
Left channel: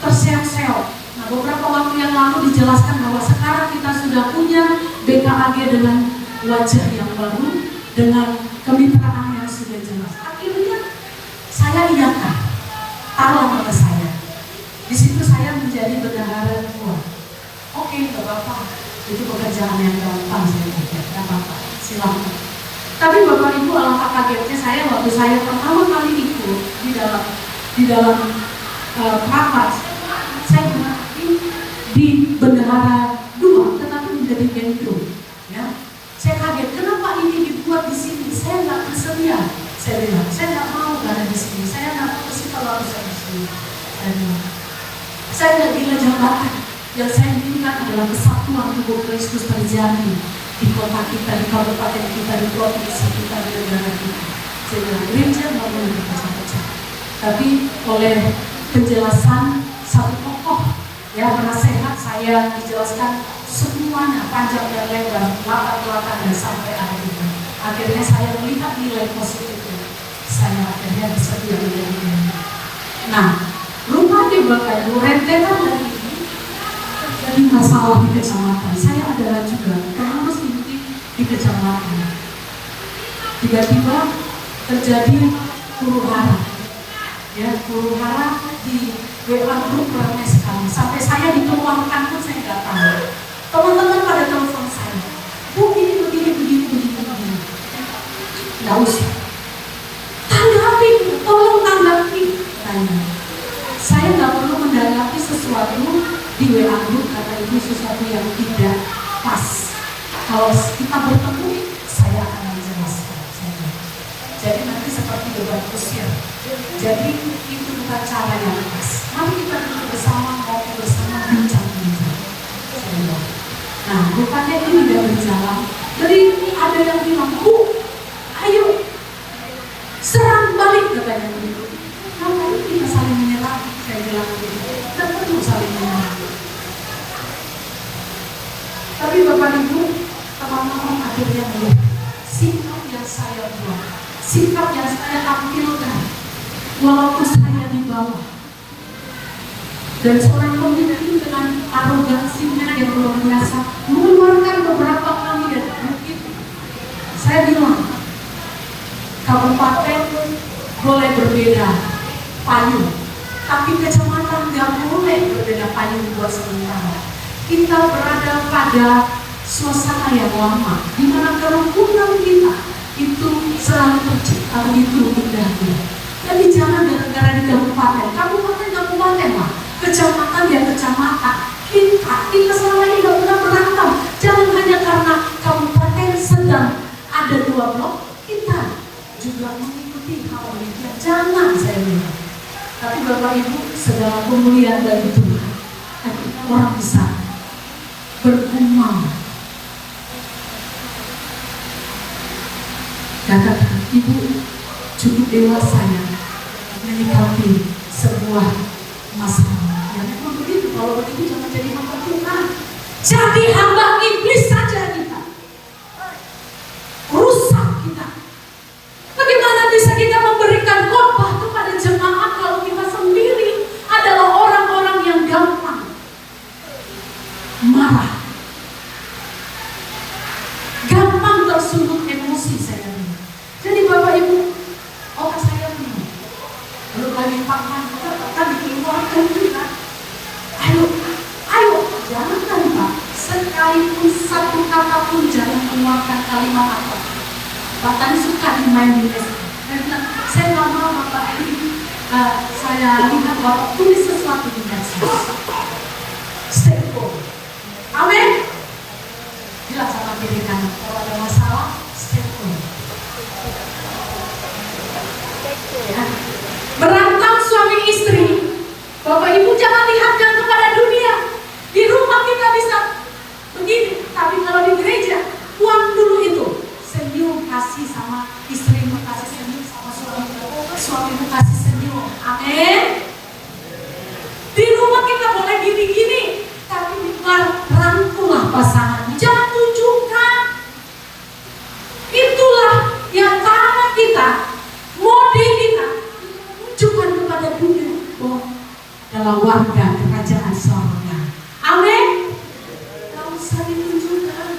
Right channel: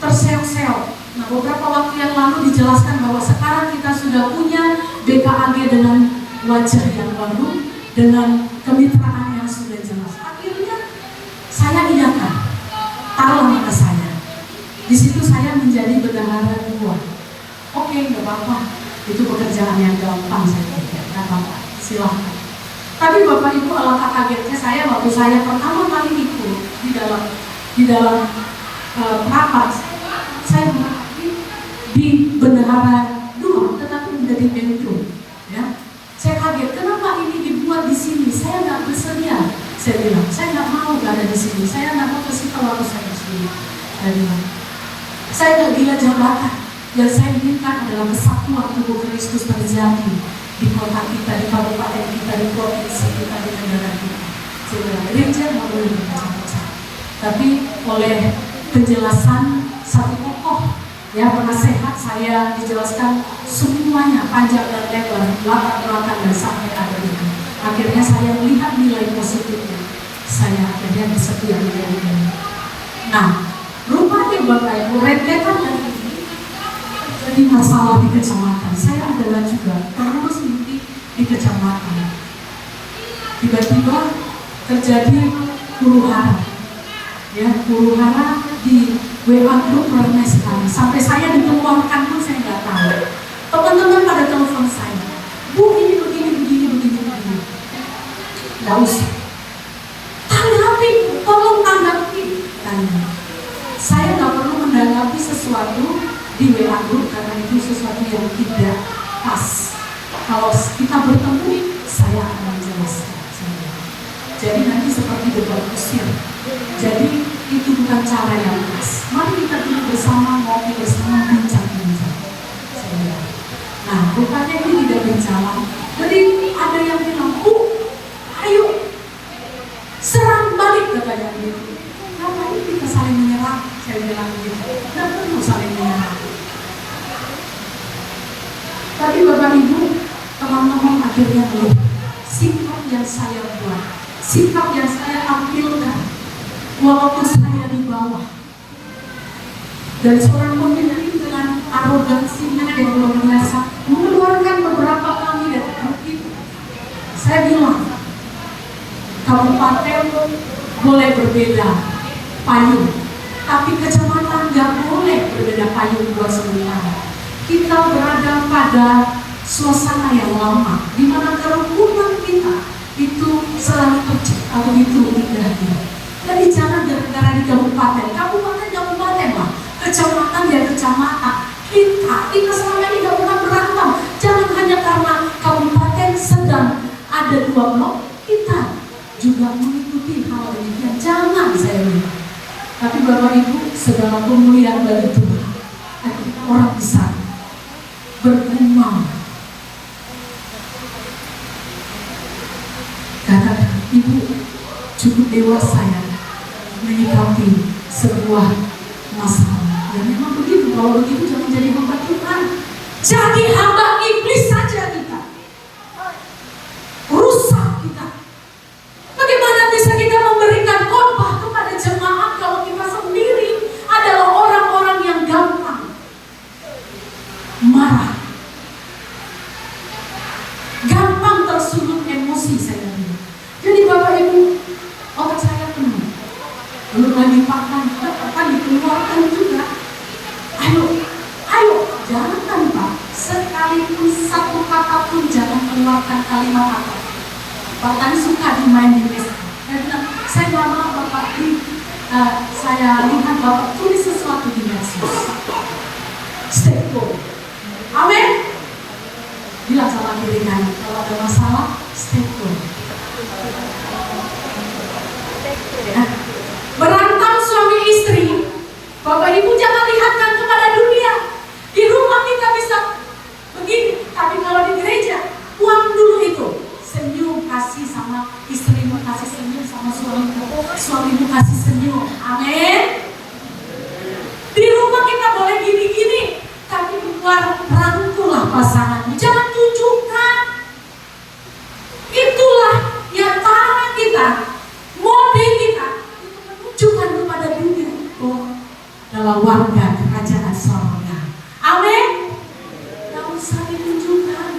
terseok-seok. Nah, beberapa waktu yang lalu dijelaskan bahwa sekarang kita sudah punya BKAG dengan wajah yang baru, dengan kemitraan yang sudah jelas. Akhirnya saya ingatkan, taruhlah mata saya. Di situ saya menjadi bendahara dua. Oke, nggak apa-apa. Itu pekerjaan yang gampang saya pikir. Nggak apa-apa, silakan. Tapi Bapak Ibu, alangkah kagetnya saya waktu saya pertama kali ikut di dalam rapat. Saya berarti di bendahara dua, tetapi menjadi mentor. Ya, saya kaget. Kenapa ini dibuat di sini? Saya nggak bersedia. Saya bilang, saya nggak mau ada di sini. Saya nggak mau bersifat waktu saya di sini. Saya bilang, saya nggak gila jabatan. Yang saya inginkan adalah kesatuan tubuh Kristus terjadi di kota kita, di kabupaten kita, di provinsi kita, di negara kita. Sehingga gereja nggak boleh berpecah-pecah. Tapi oleh penjelasan satu tokoh, ya, penasehat saya dijelaskan semuanya panjang dan lebar, latar-belakang dan sampai ada di sini. Akhirnya saya melihat nilai positifnya. Saya akhirnya bersedia ini. Nah, rupanya Bapak Ibu, rentetan dari ini terjadi masalah di kecamatan. Saya adalah juga pengurus inti di kecamatan. Tiba-tiba terjadi huru-hara. Ya, huru-hara di WA group ramai sekali. Sampai saya dikeluarkan pun saya nggak tahu. Teman-teman pada telepon saya, Bu, ini begini. Nggak usah. Tanggapi, tolong tanggapi. Saya nggak perlu menanggapi sesuatu di WA group karena itu sesuatu yang tidak pas. Kalau kita bertemu, saya akan menjelaskan. Jadi nanti seperti debat kusir. Jadi itu bukan cara yang pas. Mari kita duduk bersama, ngopi bersama, bincang-bincang. Nah, rupanya itu tidak berjalan. Jadi ada yang bilang, Bu, ayo serang balik, katanya begitu. Ngapain kita saling menyerang? Saya bilang begitu. Tidak perlu saling menyerang. Tapi Bapak Ibu, teman-teman akhirnya melihat sikap yang saya buat, sikap yang saya tampilkan, walaupun saya di bawah. Dan seorang pemimpin dengan arogansinya yang luar biasa mengeluarkan beberapa kami dari grup itu. Saya bilang, kabupaten boleh berbeda payung, tapi kecamatan nggak boleh berbeda payung buat sementara. Kita berada pada suasana yang lama, di mana kerukunan kita itu selalu tercipta begitu indahnya. Jadi jangan gara-gara di kabupaten lah, kecamatan ya kecamatan. Kita selama ini nggak pernah berantem. Jangan hanya karena kabupaten sedang ada 2 blok, kita juga mengikuti hal ini. Jangan, saya bilang. Tapi Bapak Ibu, segala pemulihan dari Tuhan, akhirnya orang bisa bergumam. Katakan, Ibu cukup dewasa ya menyikapi sebuah masalah. Ya memang begitu. Kalau begitu jangan jadi hamba Tuhan. Jadi hamba iblis saja kita. Rusak kita. Bagaimana bisa kita memberikan khotbah kepada jemaat kalau kita sendiri adalah orang-orang yang gampang marah, gampang tersudut emosi, saya bilang. Jadi Bapak Ibu, otak saya penuh. Belum lagi pakan juga akan dikeluarkan juga. Ayo, jangan Pak. Sekalipun satu kata pun jangan keluarkan kalimat apa. Pak tadi suka dimain di Facebook. Saya nggak mau Bapak saya lihat Bapak tulis sesuatu di medsos. Stay cool. Amin. Bilang sama diri kanan, kalau ada masalah, stay cool. Ya. Berantem suami suamimu kasih senyum. Amin. Di rumah kita boleh gini-gini, tapi di luar rangkulah pasanganmu. Jangan tunjukkan. Itulah yang cara kita, mode kita, itu menunjukkan kepada dunia adalah warga kerajaan sorga. Amin. Gak usah ditunjukkan,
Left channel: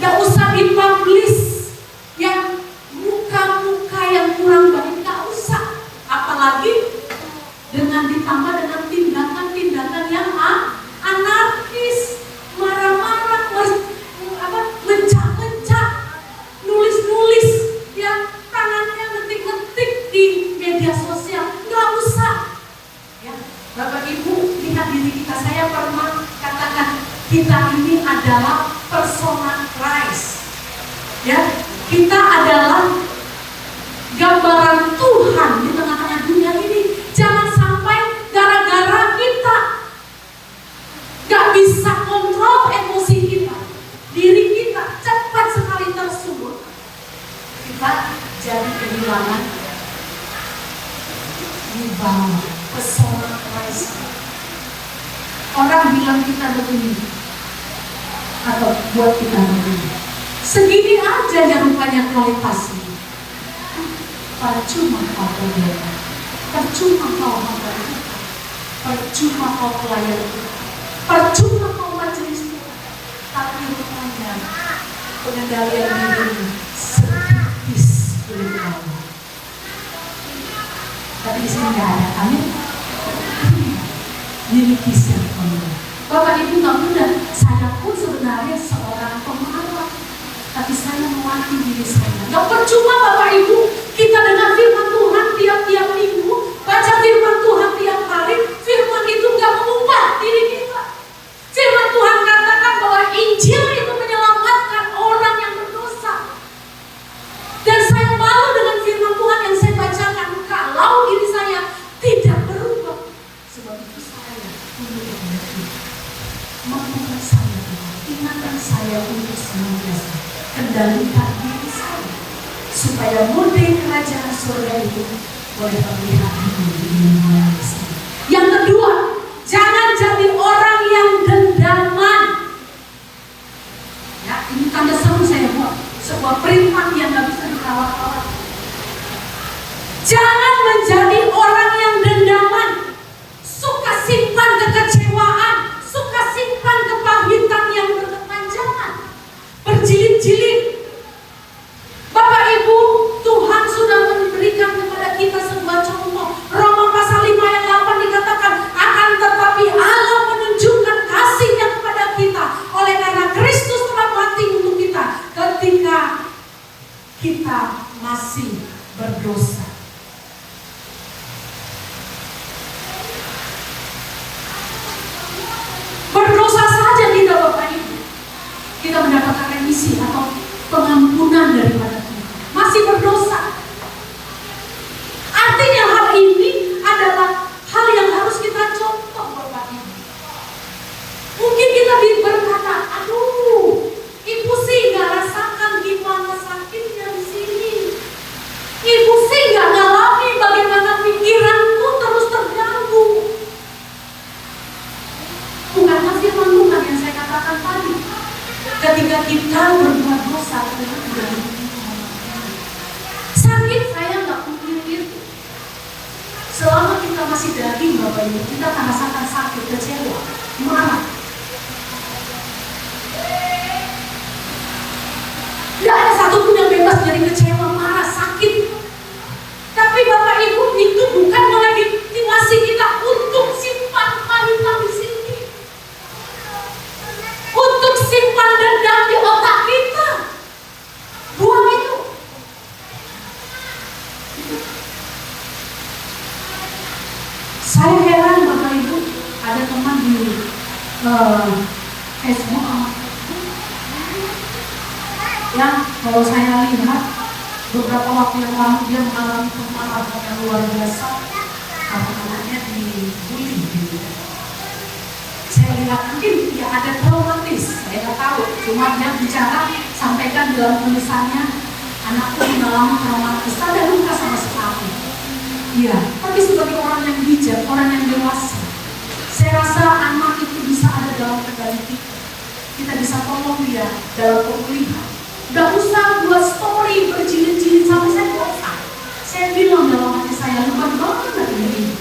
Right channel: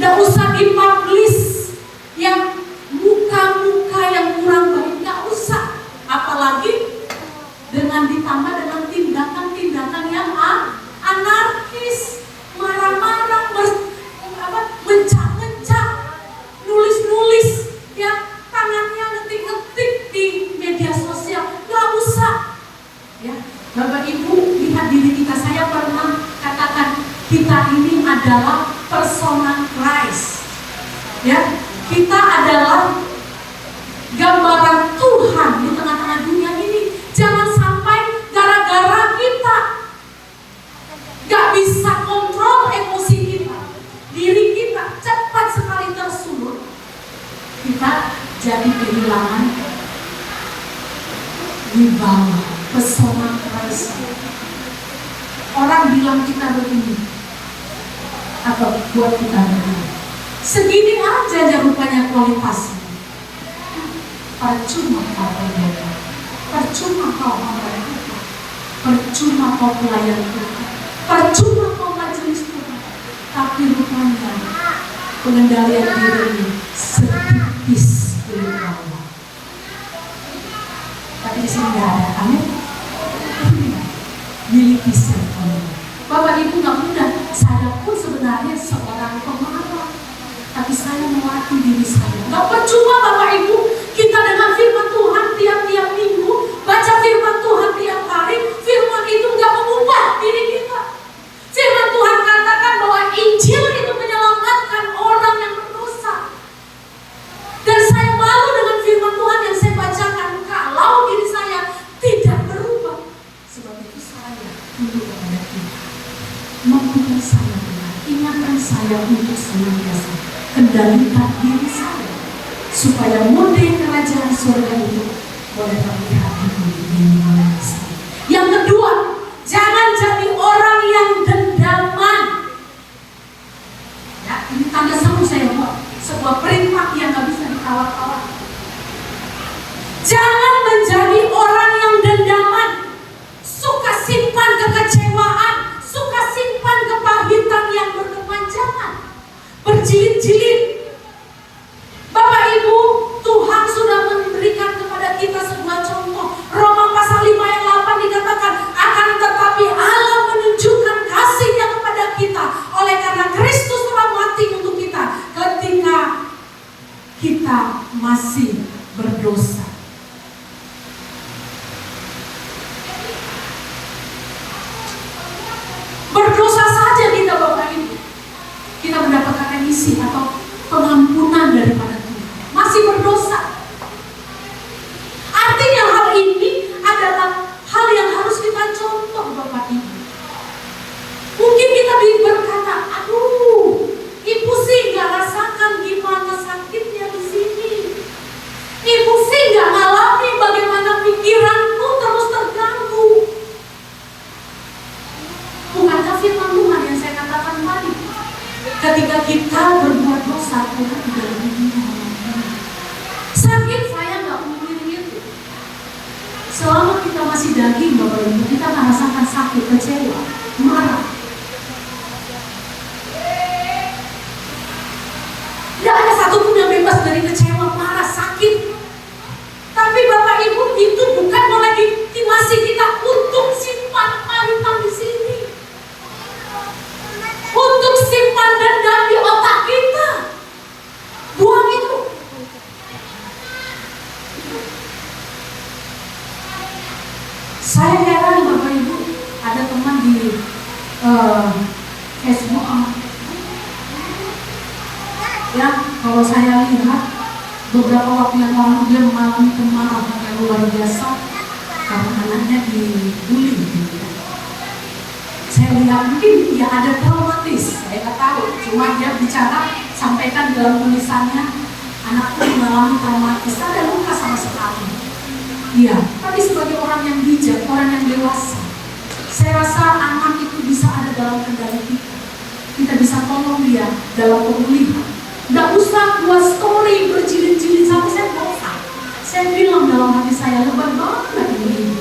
gak usah dipublish yang muka-muka yang kurang baik, gak usah. Apalagi dengan ditambah dengan tindakan-tindakan yang anarkis, marah-marah, mencak-mencak, nulis-nulis, yang tangannya ngetik-ngetik di media sosial. Gak usah. Ya, Bapak Ibu, lihat diri kita. Saya pernah katakan kita ini adalah persona Christ. Ya, kita adalah gambaran Tuhan di tengah-tengah dunia ini. Jangan sampai gara-gara kita gak bisa kontrol emosi kita, diri kita cepat sekali tersulut, kita jadi kehilangan wibawa, pesona Christ. Orang bilang kita begini, atau buat kita begini, segini aja rupanya kualitasnya. Percuma kau berdoa, percuma kau hamba Tuhan, percuma kau pelayan Tuhan, percuma kau majelis Tuhan. Tapi rupanya pengendalian diri setipis dari bawah. Tapi di sini nggak ada kami miliki siapa. Bapak Ibu nggak mudah. Saya pun sebenarnya seorang pemarah, tapi saya melatih diri saya. Nggak percuma Bapak Ibu kita dengan firman Tuhan tiap-tiap minggu, baca firman Tuhan tiap hari, firman itu nggak mengubah diri kita. Firman Tuhan katakan bahwa Injil itu menyelamatkan orang yang berdosa. Dan saya malu dengan firman Tuhan yang saya bacakan kalau diri saya tidak berubah. Sebab itu saya tunduk kepada Tuhan. Mampukan saya Tuhan, ingatkan saya untuk senantiasa kendalikan diri saya, supaya mode kerajaan surga itu boleh terlihat di dunia ini. Yang kedua, jangan jadi orang yang dendaman. Ya, ini tanda seru saya buat sebuah perintah yang nggak bisa ditawar-tawar. Jangan menjadi orang yang dendaman, suka simpan kekecewaan, suka simpan kepahitan yang berkepanjangan, berjilid-jilid. Bapak Ibu, Tuhan sudah memberikan kepada kita sebuah contoh. Roma pasal 5 ayat 8 dikatakan, akan tetapi Allah menunjukkan kasih-Nya kepada kita oleh karena Kristus telah mati untuk kita ketika kita masih berdosa. Berdosa saja kita Bapak Ibu, kita mendapatkan remisi atau pengampunan daripada Tuhan. Masih berdosa. Artinya hal ini adalah hal yang harus kita contoh Bapak Ibu. Mungkin kita berkata, aduh, ibu sih gak rasakan gimana sakitnya di sini. Ibu sih gak ngalami bagaimana pikiranku terus terganggu. Bukankah firman Tuhan yang saya katakan tadi, ketika kita berbuat dosa, kita tidak begitu mengalami sakit. Saya nggak mungkin itu. Selama kita masih daging Bapak Ibu, kita merasakan sakit, kecewa, marah. Nggak ada satupun yang bebas dari kecewa, marah, sakit. Tapi Bapak Ibu, itu bukan melegitimasi kita untuk simpan pahitan di sini, untuk simpan dendam di otak kita. Buang itu. Saya heran Bapak Ibu, ada teman di Facebook yang kalau saya lihat beberapa waktu yang lalu dia mengalami kemarahan yang luar biasa karena anaknya dibully gitu. Saya lihat mungkin ya ada traumatis, saya nggak tahu. Cuma dia bicara, sampaikan dalam tulisannya, anakku mengalami traumatis, tak ada luka sama sekali. remaja, orang yang dewasa. Saya rasa anak itu bisa ada dalam kendali kita. Kita bisa tolong dia dalam pemulihan. Nggak usah buat story berjilid-jilid sampai saya bosan. Saya bilang dalam hati saya, lebat banget ini.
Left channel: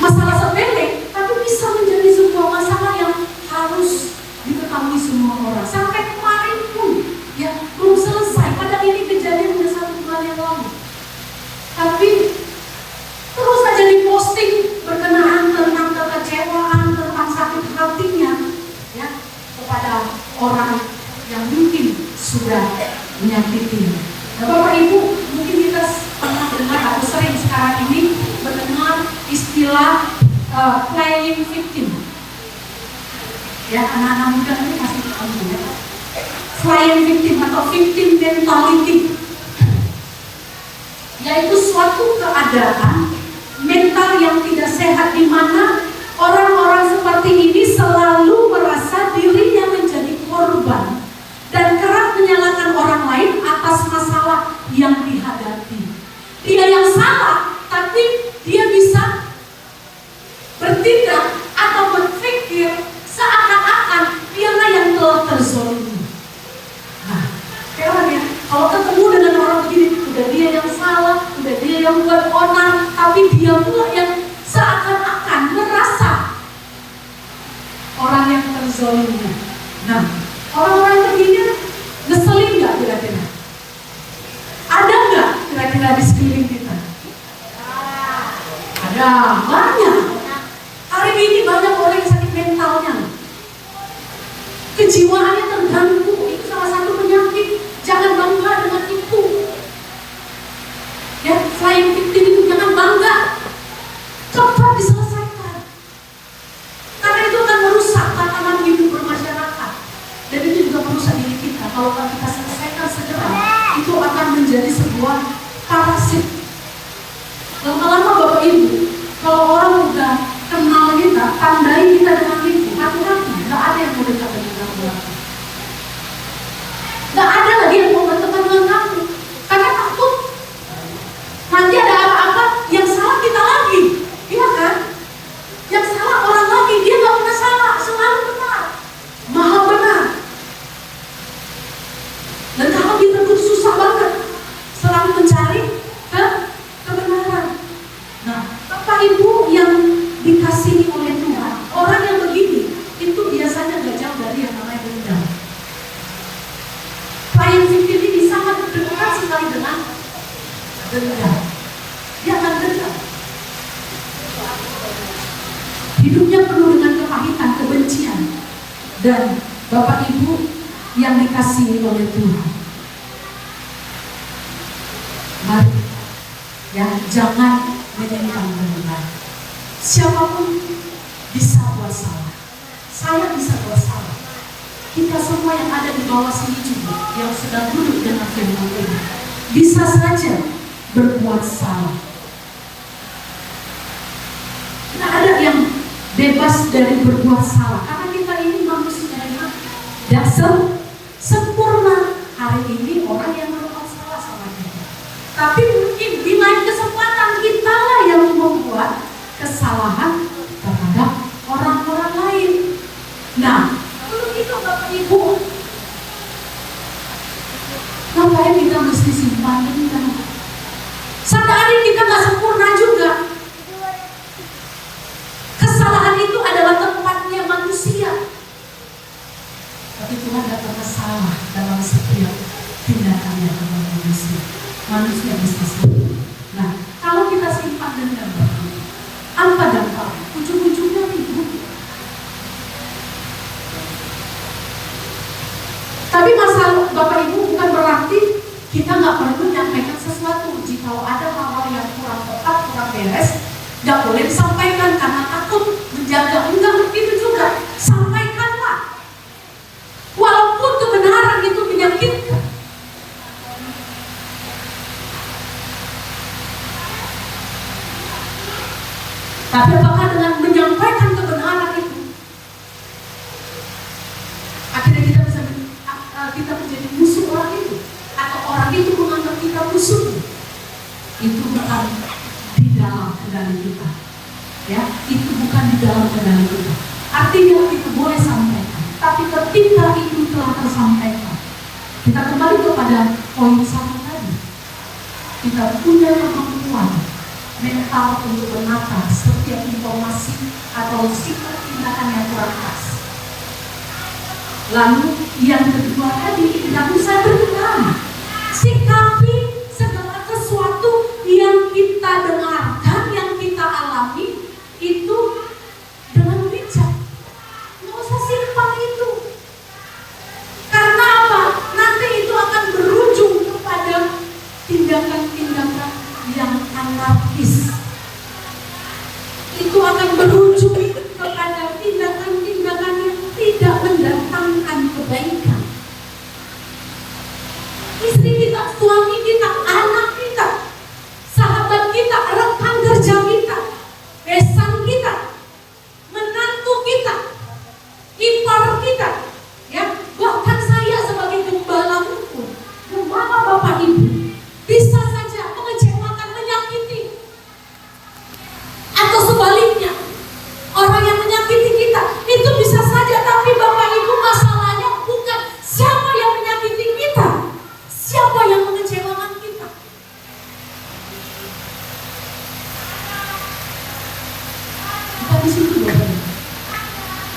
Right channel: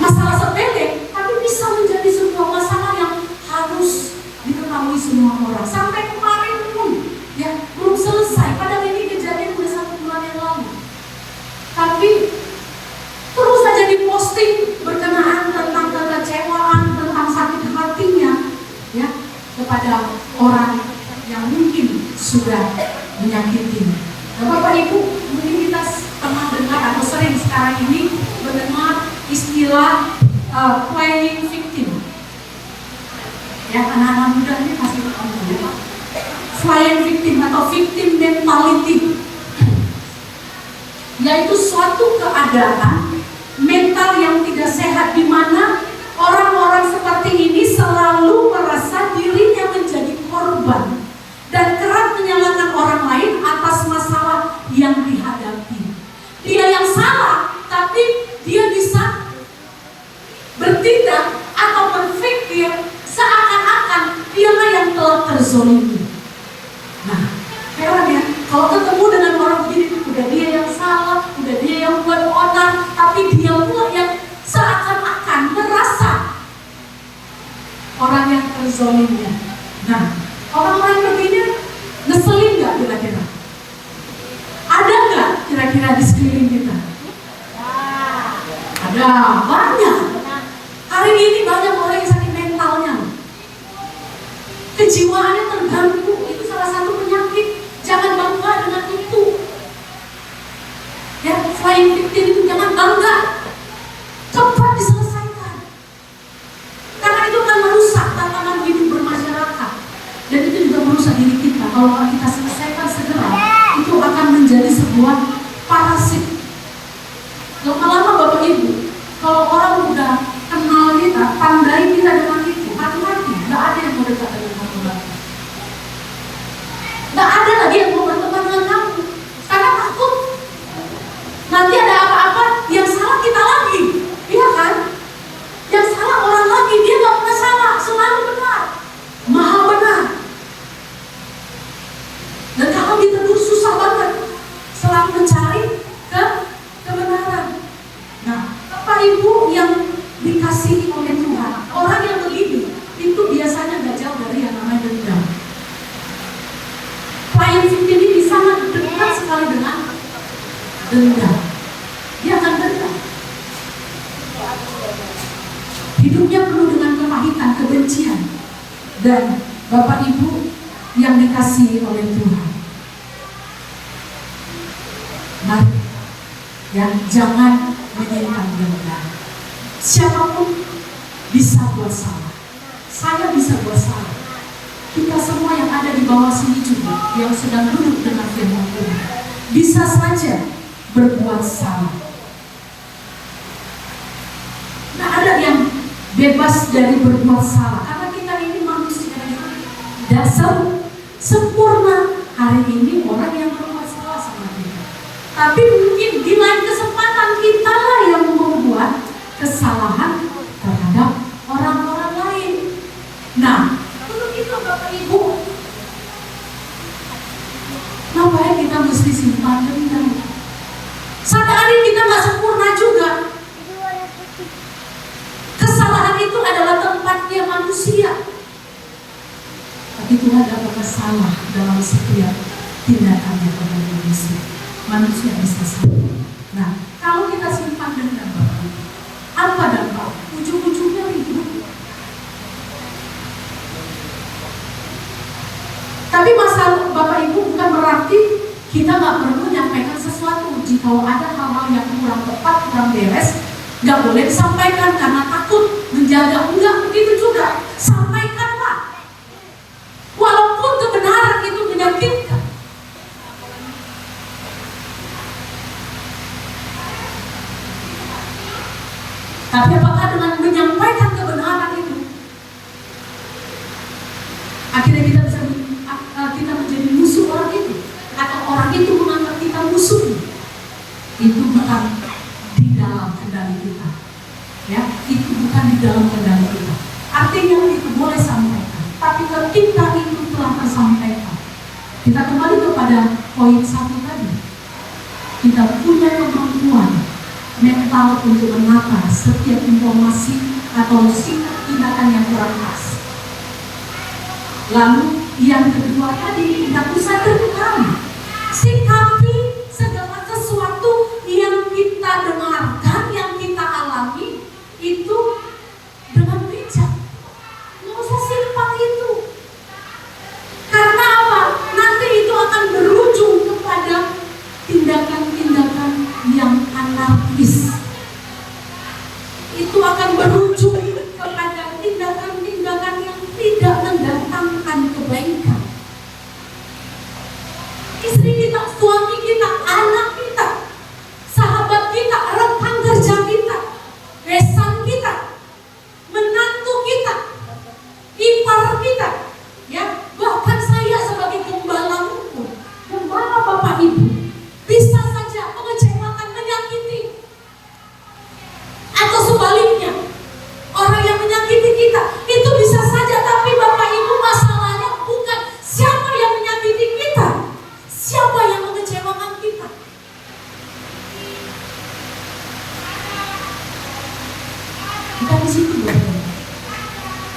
Masalah sepele, tapi bisa menjadi sebuah masalah yang harus diketahui semua orang. Sampai kemarin pun, ya belum selesai. Padahal ini kejadian udah 1 bulan yang lalu. Tapi terus saja diposting berkenaan tentang kekecewaan, tentang sakit hatinya, ya kepada orang yang mungkin sudah menyakitinya. Nah, Bapak Ibu, mungkin kita pernah dengar atau sering sekarang ini mendengar istilah playing victim. Ya, anak-anak muda ini kasih tahu ya. Playing victim atau victim mentality, yaitu suatu keadaan mental yang tidak sehat di mana orang-orang seperti ini selalu merasa dirinya menjadi korban dan kerap menyalahkan orang lain atas masalah yang dihadapi. Dia yang salah, tapi dia bisa bertindak atau berpikir seakan-akan dialah yang telah terzolimi. Nah, heran ya, kalau ketemu dengan orang begini, udah dia yang salah, udah dia yang buat onar, tapi dia pula yang seakan-akan merasa orang yang terzolimi. Nah, orang-orang begini ngeselin nggak kira-kira? Ada nggak kira-kira di sekeliling kita? Ada, banyak. Hari ini banyak orang yang sakit mentalnya. Kejiwaannya terganggu, itu salah satu penyakit. Jangan bangga dengan itu. Ya, selain victim, jangan bangga. Cepat diselesaikan. Karena itu akan merusak tatanan hidup bermasyarakat. Dan itu juga merusak diri kita. Kalau kita selesaikan segera, itu akan menjadi sebuah parasit. Lama-lama Bapak Ibu, kalau orang udah kenal kita, tandai kita dengan itu, hati-hati, nggak ada yang mau dekat dengan kamu lagi. Nggak ada lagi yang mau berteman dengan kamu, karena takut nanti ada apa-apa yang salah kita lagi, iya kan? Yang salah orang lagi, dia nggak pernah salah, selalu benar, maha benar. Dan kalau ditegur susah banget, selalu mencari kebenaran. Nah, Bapak Ibu yang dikasihi oleh Tuhan, orang yang begini itu biasanya nggak jauh dari yang namanya dendam. Playing victim ini sangat dekat sekali dengan dendam. Dia akan dendam. Hidupnya penuh dengan kepahitan, kebencian. Dan Bapak Ibu yang dikasihi oleh Tuhan, mari ya, jangan menyimpan dendam. Siapapun bisa buat salah. Saya bisa buat salah. Kita semua yang ada di bawah sini juga, yang sedang duduk dengan firman Tuhan, bisa saja berbuat salah. Nah, ada yang bebas dari berbuat salah, karena kita ini manusia yang dasar sempurna. Hari ini orang yang berbuat salah sama kita, tapi mungkin di lain kesempatan kita lah yang membuat kesalahan terhadap orang-orang lain. Nah, untuk itu Bapak Ibu, ngapain kita mesti simpan dendam? Sadari kita nggak sempurna juga. Kesalahan itu adalah tempatnya manusia. Tapi Tuhan tidak pernah salah dalam setiap tindakannya kepada manusia. Manusia bisa salah. Nah, kalau kita simpan dendam, apa dampak? Ujung-ujungnya ribut. Tapi masalah Bapak Ibu bukan berarti kita nggak perlu menyampaikan sesuatu. Jika ada hal-hal yang kurang tepat, kurang beres, nggak boleh disampaikan karena takut menjaga. Enggak begitu juga. Sampaikanlah. Walaupun kebenaran itu menyakitkan. Tapi apakah dengan menyampaikan kebenaran itu akhirnya kita menjadi musuh orang itu, atau orang itu menganggap kita musuh? Itu bukan di dalam kendali kendali kita. Ya, itu bukan di dalam kendali kita. Artinya kita boleh sampaikan, tapi ketika itu telah tersampaikan, kita kembali kepada poin 1 tadi. Kita punya kemampuan mental untuk menata setiap informasi atau sikap tindakan yang kurang pas. Lalu yang kedua tadi, kita bisa dengar, sikapi segala sesuatu yang kita dengarkan, yang kita alami itu dengan bijak. Nggak usah simpang itu. Karena apa? Nanti itu akan berujung kepada tindakan-tindakan yang anarkis. Itu akan berujung kepada tindakan-tindakan yang tidak mendatangkan kebaikan. Istri kita, suami kita, anak kita, sahabat kita, rekan kerja kita, besan kita, menantu kita, ipar kita, ya, bahkan saya sebagai gembala pun, gembala bapak ibu, bisa saja mengecewakan, menyakiti, atau sebaliknya, orang yang menyakiti kita itu bisa saja, tapi bapak ibu masalahnya bukan siapa yang menyakiti kita, siapa yang mengecewakan kita. Kita di situ ya,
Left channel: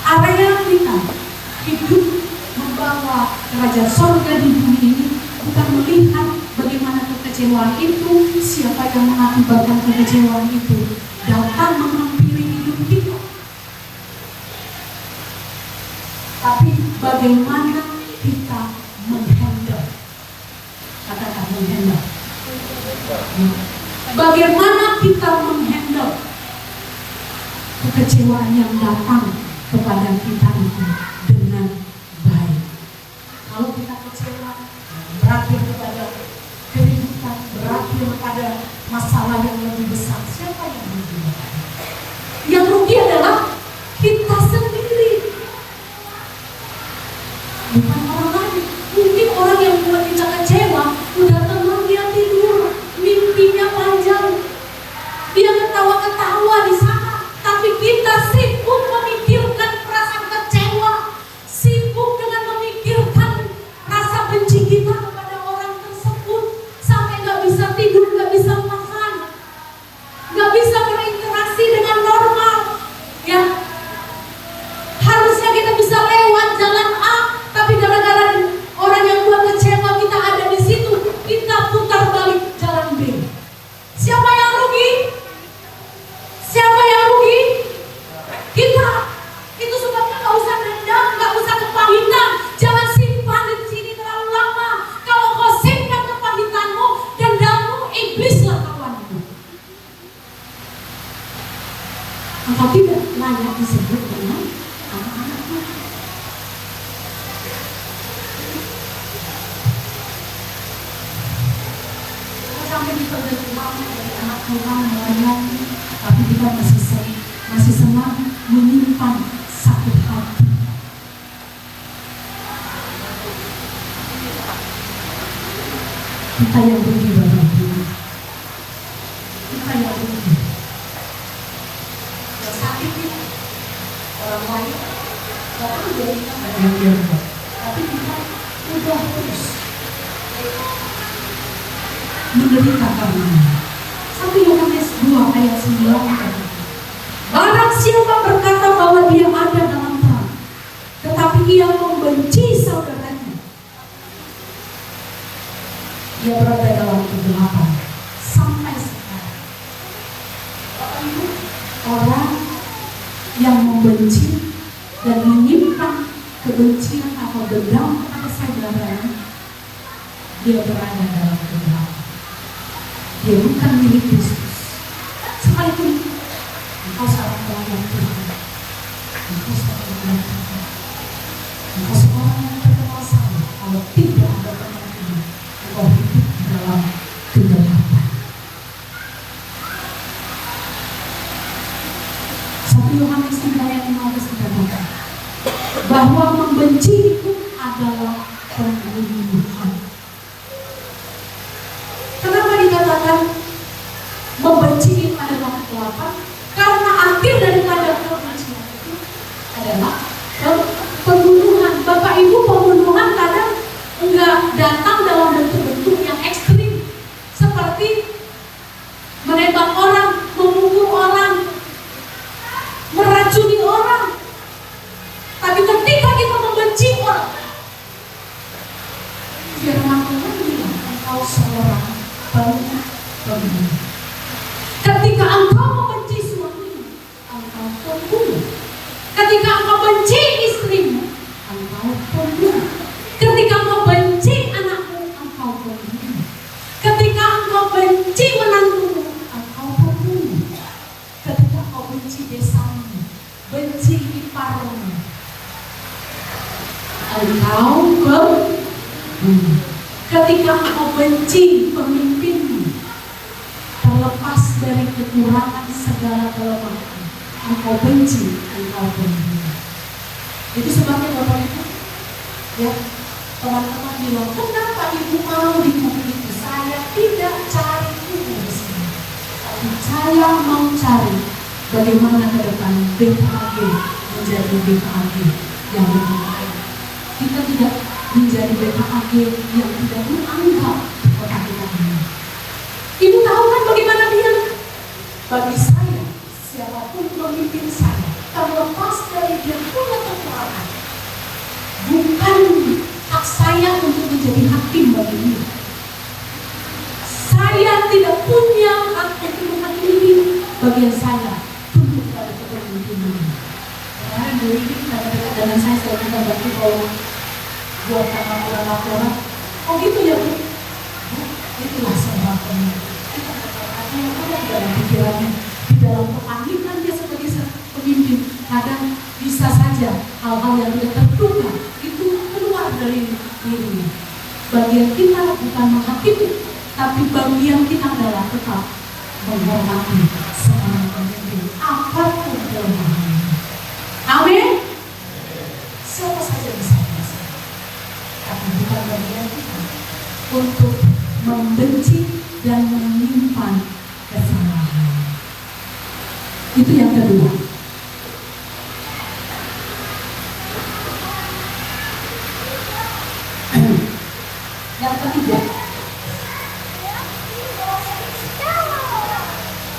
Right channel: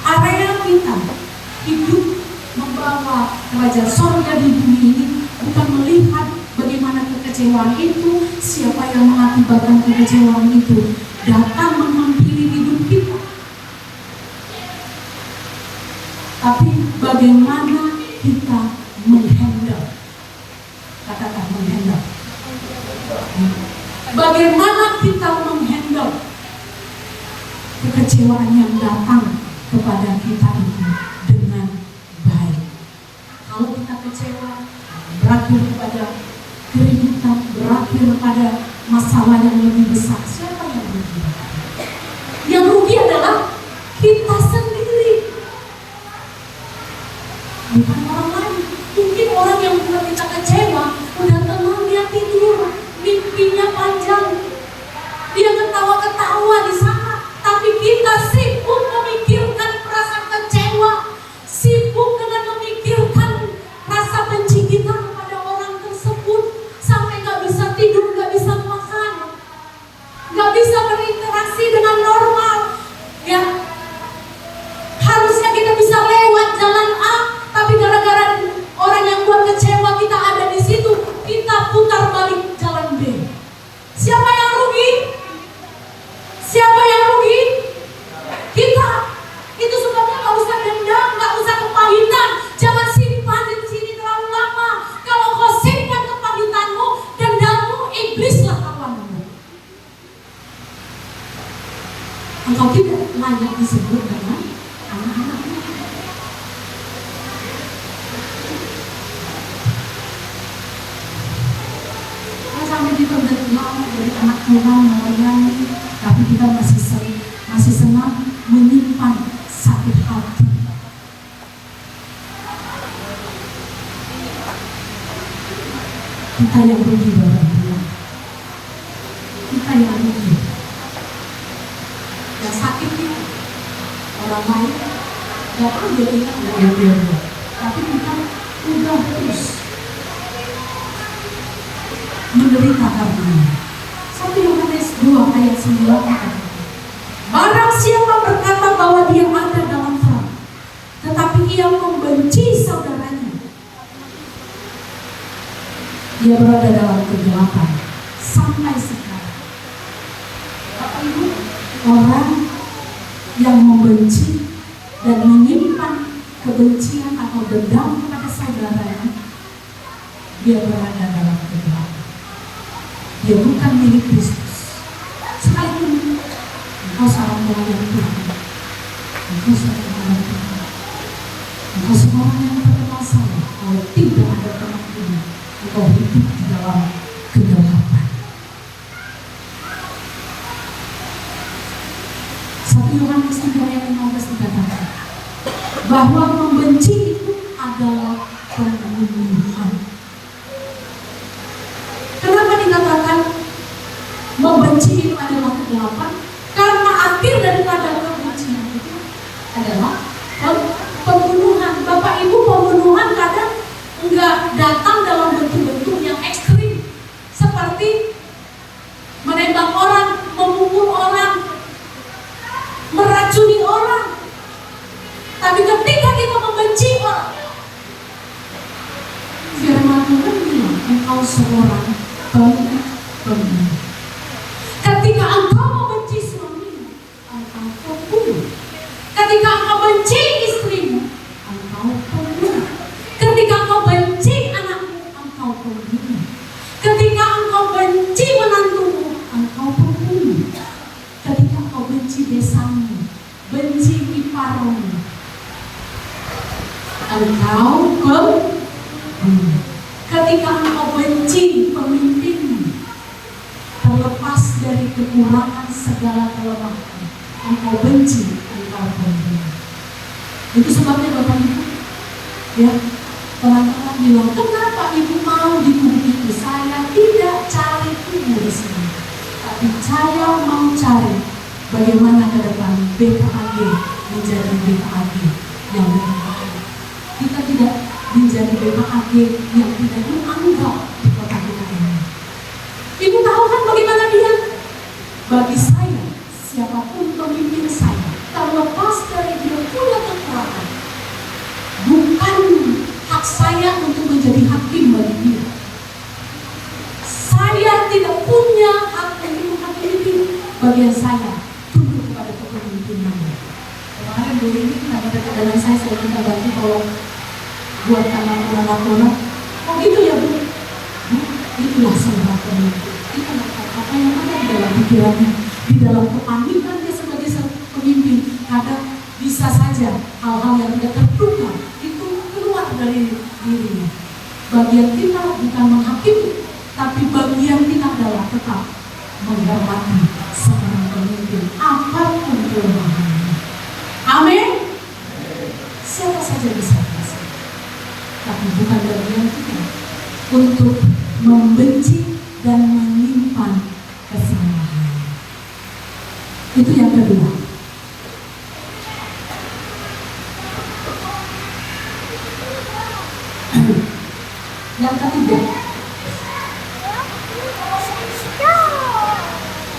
area kita hidup membawa kerajaan sorga di bumi ini bukan melihat bagaimana kekecewaan itu, siapa yang mengakibatkan kekecewaan itu datang menghampiri hidup kita, tapi bagaimana kita menghandle, katakan menghandle, bagaimana kita menghandle kekecewaan yang datang kepada kita itu dengan baik. Kalau kita kecewa, berakhir kepada keributan, berakhir pada masalah yang lebih besar, siapa yang rugi? Yang rugi adalah kita sendiri, bukan orang lain. Mungkin orang yang buat kita kecewa udah tenang, dia tidur, mimpinya panjang, dia ketawa-ketawa di sana, tapi kita sibuk memikirkan perasaan kecewa, sibuk dengan memikirkan rasa benci kita kepada orang tersebut, sampai nggak bisa tidur, nggak bisa makan, nggak bisa berinteraksi dengan normal. Ya, harusnya kita bisa lewat jalan A, tapi gara-gara orang yang buat kecewa kita ada di situ, kita putar balik jalan B. Siapa yang rugi? Siapa yang rugi? Kita. Itu sebabnya nggak usah dendam, nggak usah kepahitan. Jangan simpan di sini terlalu lama. Kalau kau simpan kepahitanmu, dendammu, iblislah kawanmu. Engkau tidak layak disebut dengan anak-anaknya. Kalau sampai kita udah tua dari anak Tuhan melayani, tapi kita masih senang menyimpan sakit hati. Kita yang rugi berarti. Kita yang rugi. Yang sakit kita, orang lain nggak tahu dia ingat nggak ada dia, tapi kita udah terus menderita karenanya. 1 Yohanes 2 ayat 9 kata, barang siapa berkata bahwa dia ada dalam terang, tetapi ia membenci saudaranya, dia berada dalam kegelapan sampai sekarang. Bapak Ibu, orang yang membenci dan menyimpan kebencian atau dendam kepada saudaranya, dia berada dalam kegelapan. Dia bukan milik Kristus. Sekalipun engkau seorang pelayan Tuhan, engkau seorang pelayan Tuhan, engkau seorang yang terkenal saya, kalau tidak ada teman ini, engkau hidup di dalam kegelapan. 1 Yohanes 3 ayat 15 dikatakan bahwa membenci itu adalah pembunuhan. Kenapa dikatakan membenci itu adalah 1:8, karena akhir daripada kebencian itu adalah pembunuhan. Bapak Ibu, pembunuhan kadang enggak datang dalam bentuk-bentuk yang ekstrim seperti menembak orang, memukul orang, meracuni orang. Tapi ketika kita membenci orang, firman Tuhan bilang, engkau seorang pembunuh. Ketika engkau membenci suamimu, engkau pembunuh. Ketika engkau benci istrimu, engkau pembunuh. Ketika engkau benci anakmu, engkau pembunuh. Ketika engkau benci menantumu, engkau pembunuh. Ketika engkau benci besanmu, benci iparmu, engkau pembunuh. Ketika engkau benci pemimpinmu, terlepas dari kekurangan segala kelemahan, engkau benci, engkau pembunuh. Itu sebabnya Bapak Ibu, ya, teman-teman bilang, kenapa Ibu mau di kubu itu? Saya tidak cari kubu di sini, tapi saya mau cari bagaimana ke depan BPAG menjadi BPAG yang lebih baik. Kita tidak menjadi BPAG yang tidak dianggap di kota kita ini. Ibu tahu kan bagaimana dia? Bagi saya, siapapun pemimpin saya, terlepas dari dia punya kekuatan, bukan hak saya untuk menjadi hakim bagi dia. Saya tidak punya hak untuk menghakimi. Bagian saya tunduk pada kepemimpinan. Kemarin dulu ini ada dalam saya sudah kita bantu tolong buat bulan laporan. Oh gitu ya Bu? Itulah seorang pemimpin. Itu apa yang ada di dalam pikirannya, di dalam kepanikan dia sebagai pemimpin. Kadang bisa saja hal-hal yang tidak terduga itu keluar dari dirinya. Bagian kita bukan menghakimi, tapi bagian kita adalah tetap menghormati seorang pemimpin apapun kelemahannya. Amin. Siapa saja bisa kasih, tapi bukan bagian kita untuk membenci dan menyimpan kesalahan. Itu yang kedua. Yang ketiga,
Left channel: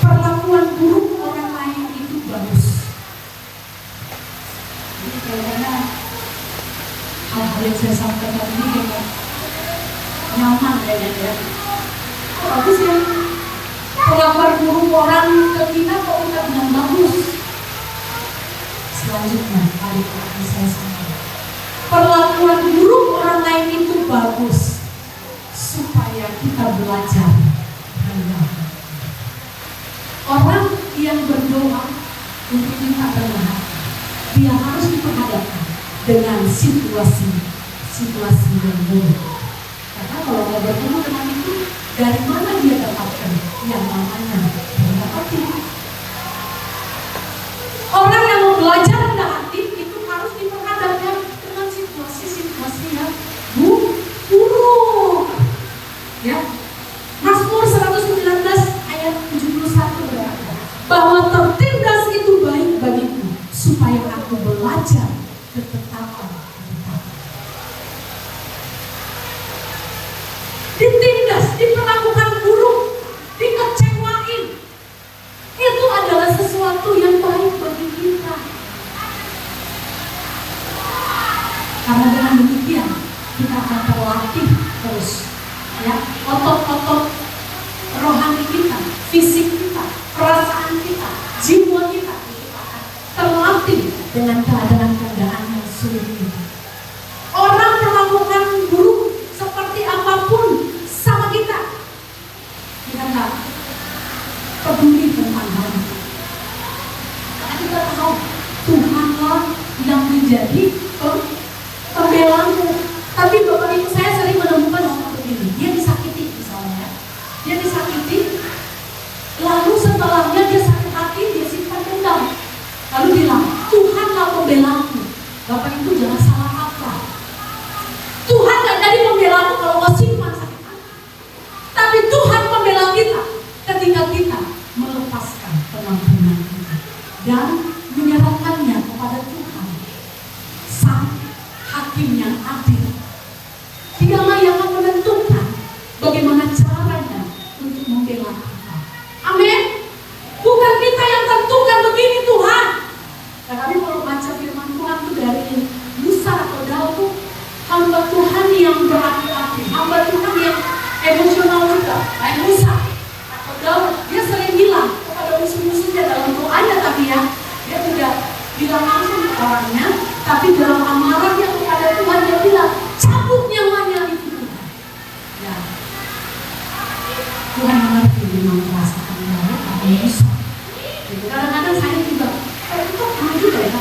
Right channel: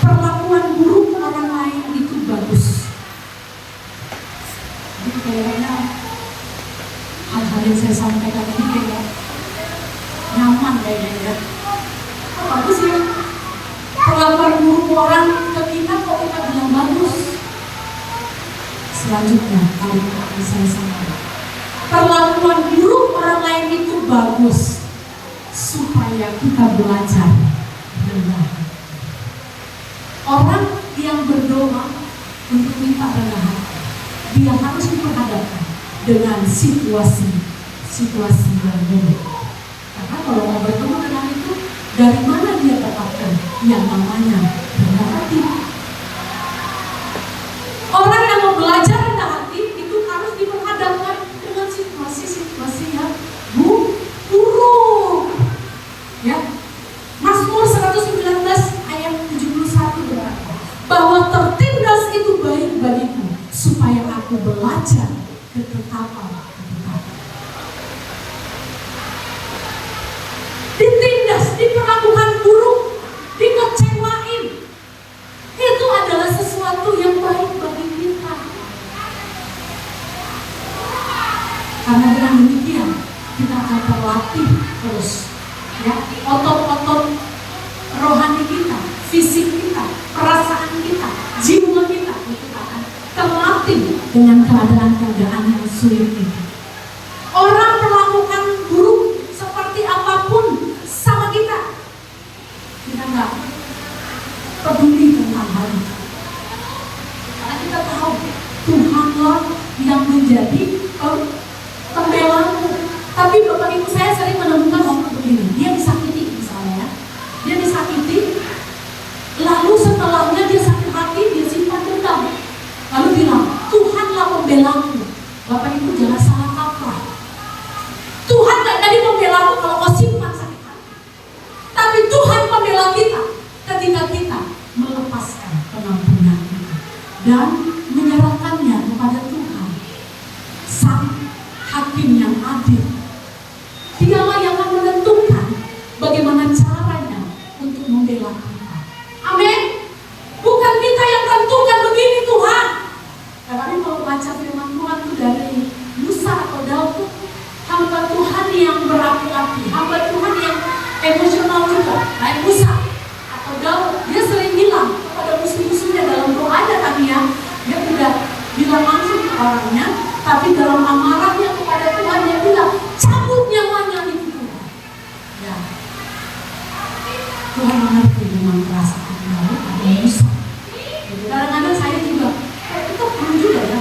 perlakuan buruk orang lain itu bagus. Jadi kayaknya hal-hal yang saya sampaikan ini kayak nyaman kayaknya ya. Oh, bagus ya. Perlakuan buruk orang ke kita kok kita bilang bagus. Selanjutnya hari akan saya sampaikan. Perlakuan buruk orang lain itu bagus supaya kita belajar rendah. Orang yang berdoa untuk minta rendah hati, dia harus diperhadapkan dengan situasi yang buruk. Karena kalau mau bertemu dengan itu, dari mana dia dapatkan yang namanya rendah hati? Orang yang mau belajar rendah hati itu harus diperhadapkan dengan situasi-situasi yang buruk. Ya, Mazmur 119 ayat 71 berkata bahwa tertindas itu baik bagiku supaya aku belajar ketetapan. Ditindas, diperlakukan buruk, dikecewain, itu adalah sesuatu yang baik bagi kita. Karena dengan demikian kita akan terlatih terus, ya, otot-otot rohani kita, fisik kita, perasaan kita, jiwa kita akan terlatih dengan keadaan-keadaan yang sulit kita. Orang perlakukan buruk seperti apapun sama kita nggak peduli tentang hal itu. Karena kita tahu Tuhanlah yang menjadi pembelaanmu. Tapi Bapak Ibu, saya sering menemukan orang begini, dia disakiti misalnya, dia disakiti, lalu setelahnya dia sakit hati, dia simpan dendam, lalu bilang Tuhanlah pembelaanku. Bapak Ibu jangan salah kaprah. Tuhan gak jadi pembelaanmu kalau kau simpan sakit hati, tapi Tuhan pembela kita ketika kita melepaskan pengampunan. Tuhan mengerti dengan perasaan baik atau bisa. Gitu. Kadang-kadang saya juga, itu perlu juga ya.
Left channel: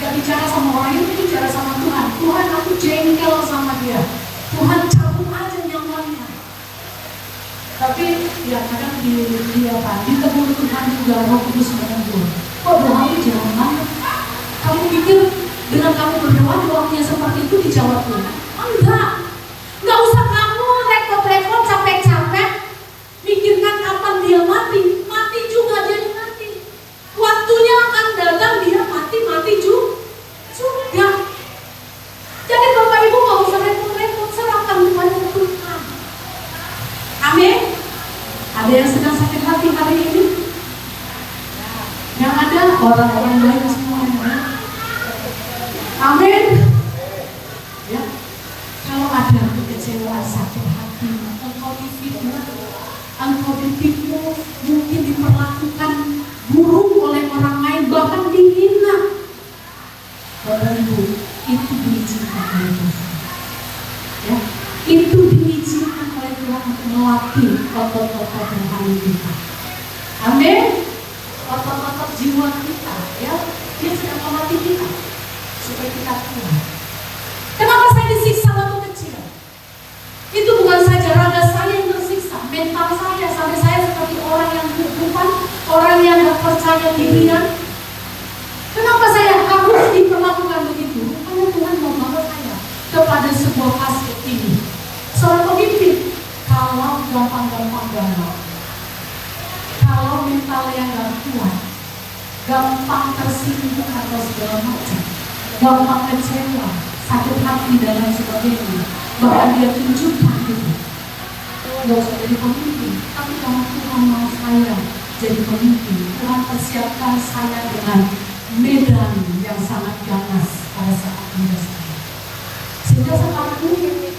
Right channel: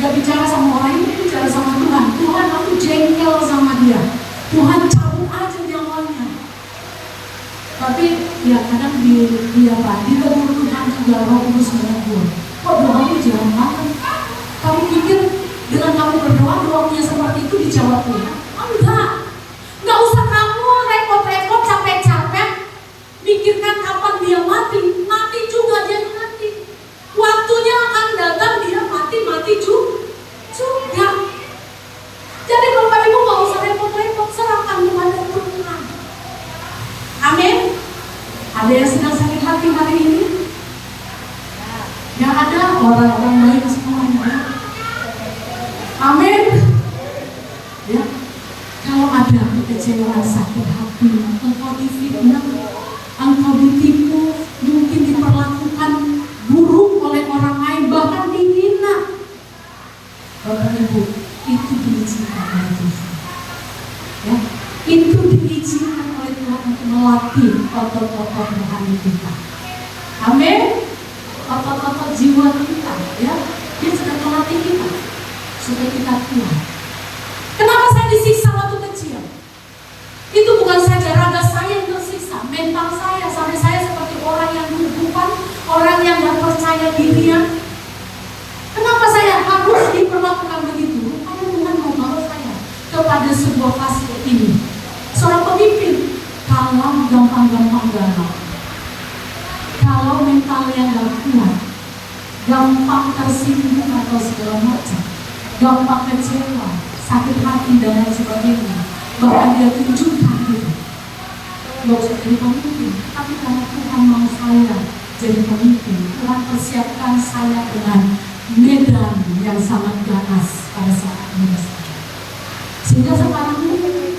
Gak bicara sama orang lain, bicara sama Tuhan. Tuhan, aku jengkel sama dia. Tuhan cabut aja nyawanya. Tapi ya kadang ditegur Tuhan juga Roh Kudus menegur. Kok doamu jarang banget? Kamu pikir dengan kamu berdoa doanya seperti itu dijawab Tuhan? Enggak. Nggak usah kamu repot-repot capek-capek mikirkan kapan dia mati. Mati juga dia mati. Waktunya akan datang dia mati juga. Jadi Bapak Ibu nggak usah repot-repot, serahkan kepada Tuhan. Amin. Ada yang sedang sakit hati hari ini? Yang ada orang-orang baik semuanya. Amin. Ya. Kalau ada kekecewaan, sakit hati, engkau difitnah, engkau ditipu, mungkin diperlakukan buruk oleh orang lain, bahkan dihina. Bapak Ibu, itu diizinkan oleh Tuhan. Ya, itu diizinkan oleh Tuhan untuk melatih otot-otot rohani kita. Amin. Otot-otot jiwa kita, ya, dia sedang melatih kita supaya kita kuat. Kenapa saya disiksa waktu kecil? Itu bukan saja raga saya yang tersiksa, mental saya, sampai saya seperti orang yang bukan, orang yang gak percaya dirian. Kenapa saya harus diperlakukan begitu? Karena Tuhan mau bawa saya kepada sebuah fase ini. Seorang pemimpin, kalau gampang-gampang galau, kalau mentalnya gak kuat, gampang tersinggung atau segala macam, gampang kecewa, sakit hati dan lain sebagainya, bahkan dia tunjukkan gitu. Gak usah jadi pemimpin, tapi karena Tuhan mau saya jadi pemimpin, Tuhan persiapkan saya dengan medan yang sangat ganas pada saat muda saya. Sehingga sekarang ini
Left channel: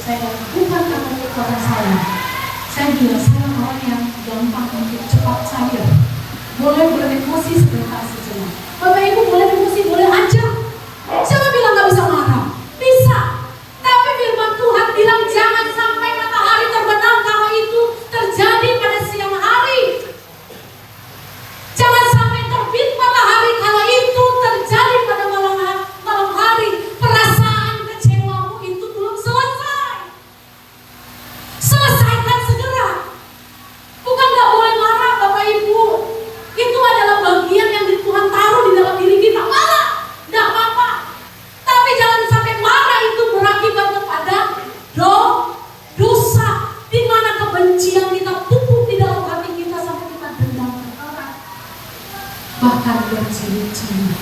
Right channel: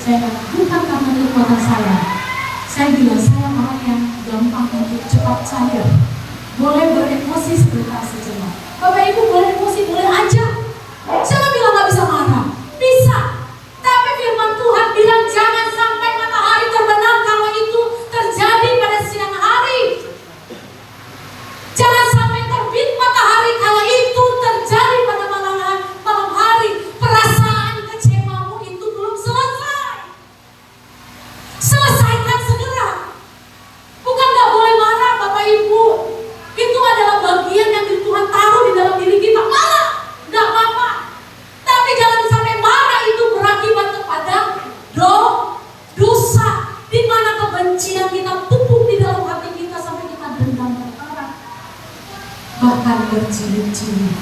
saya bukan karena kekuatan saya bilang saya orang yang gampang untuk cepat cair, boleh beremosi sebentar sejenak. Bapak Ibu boleh emosi, boleh aja. Siapa bilang gak bisa marah? Bisa. Tapi firman Tuhan bilang jangan sampai matahari terbenam kalau itu terjadi pada siang hari. Jangan sampai terbit matahari kalau itu terjadi pada malam hari. Perasaan kecewamu itu belum selesai. Selesaikan segera. Bukan gak boleh marah Bapak Ibu. Itu adalah bagian yang Tuhan taruh di dalam diri kita. Marah, gak apa-apa. Tapi jangan sampai marah itu berakibat kepada dosa, di mana kebencian kita pupuk di dalam hati kita sampai kita dendam perkara, bahkan berjilid-jilid.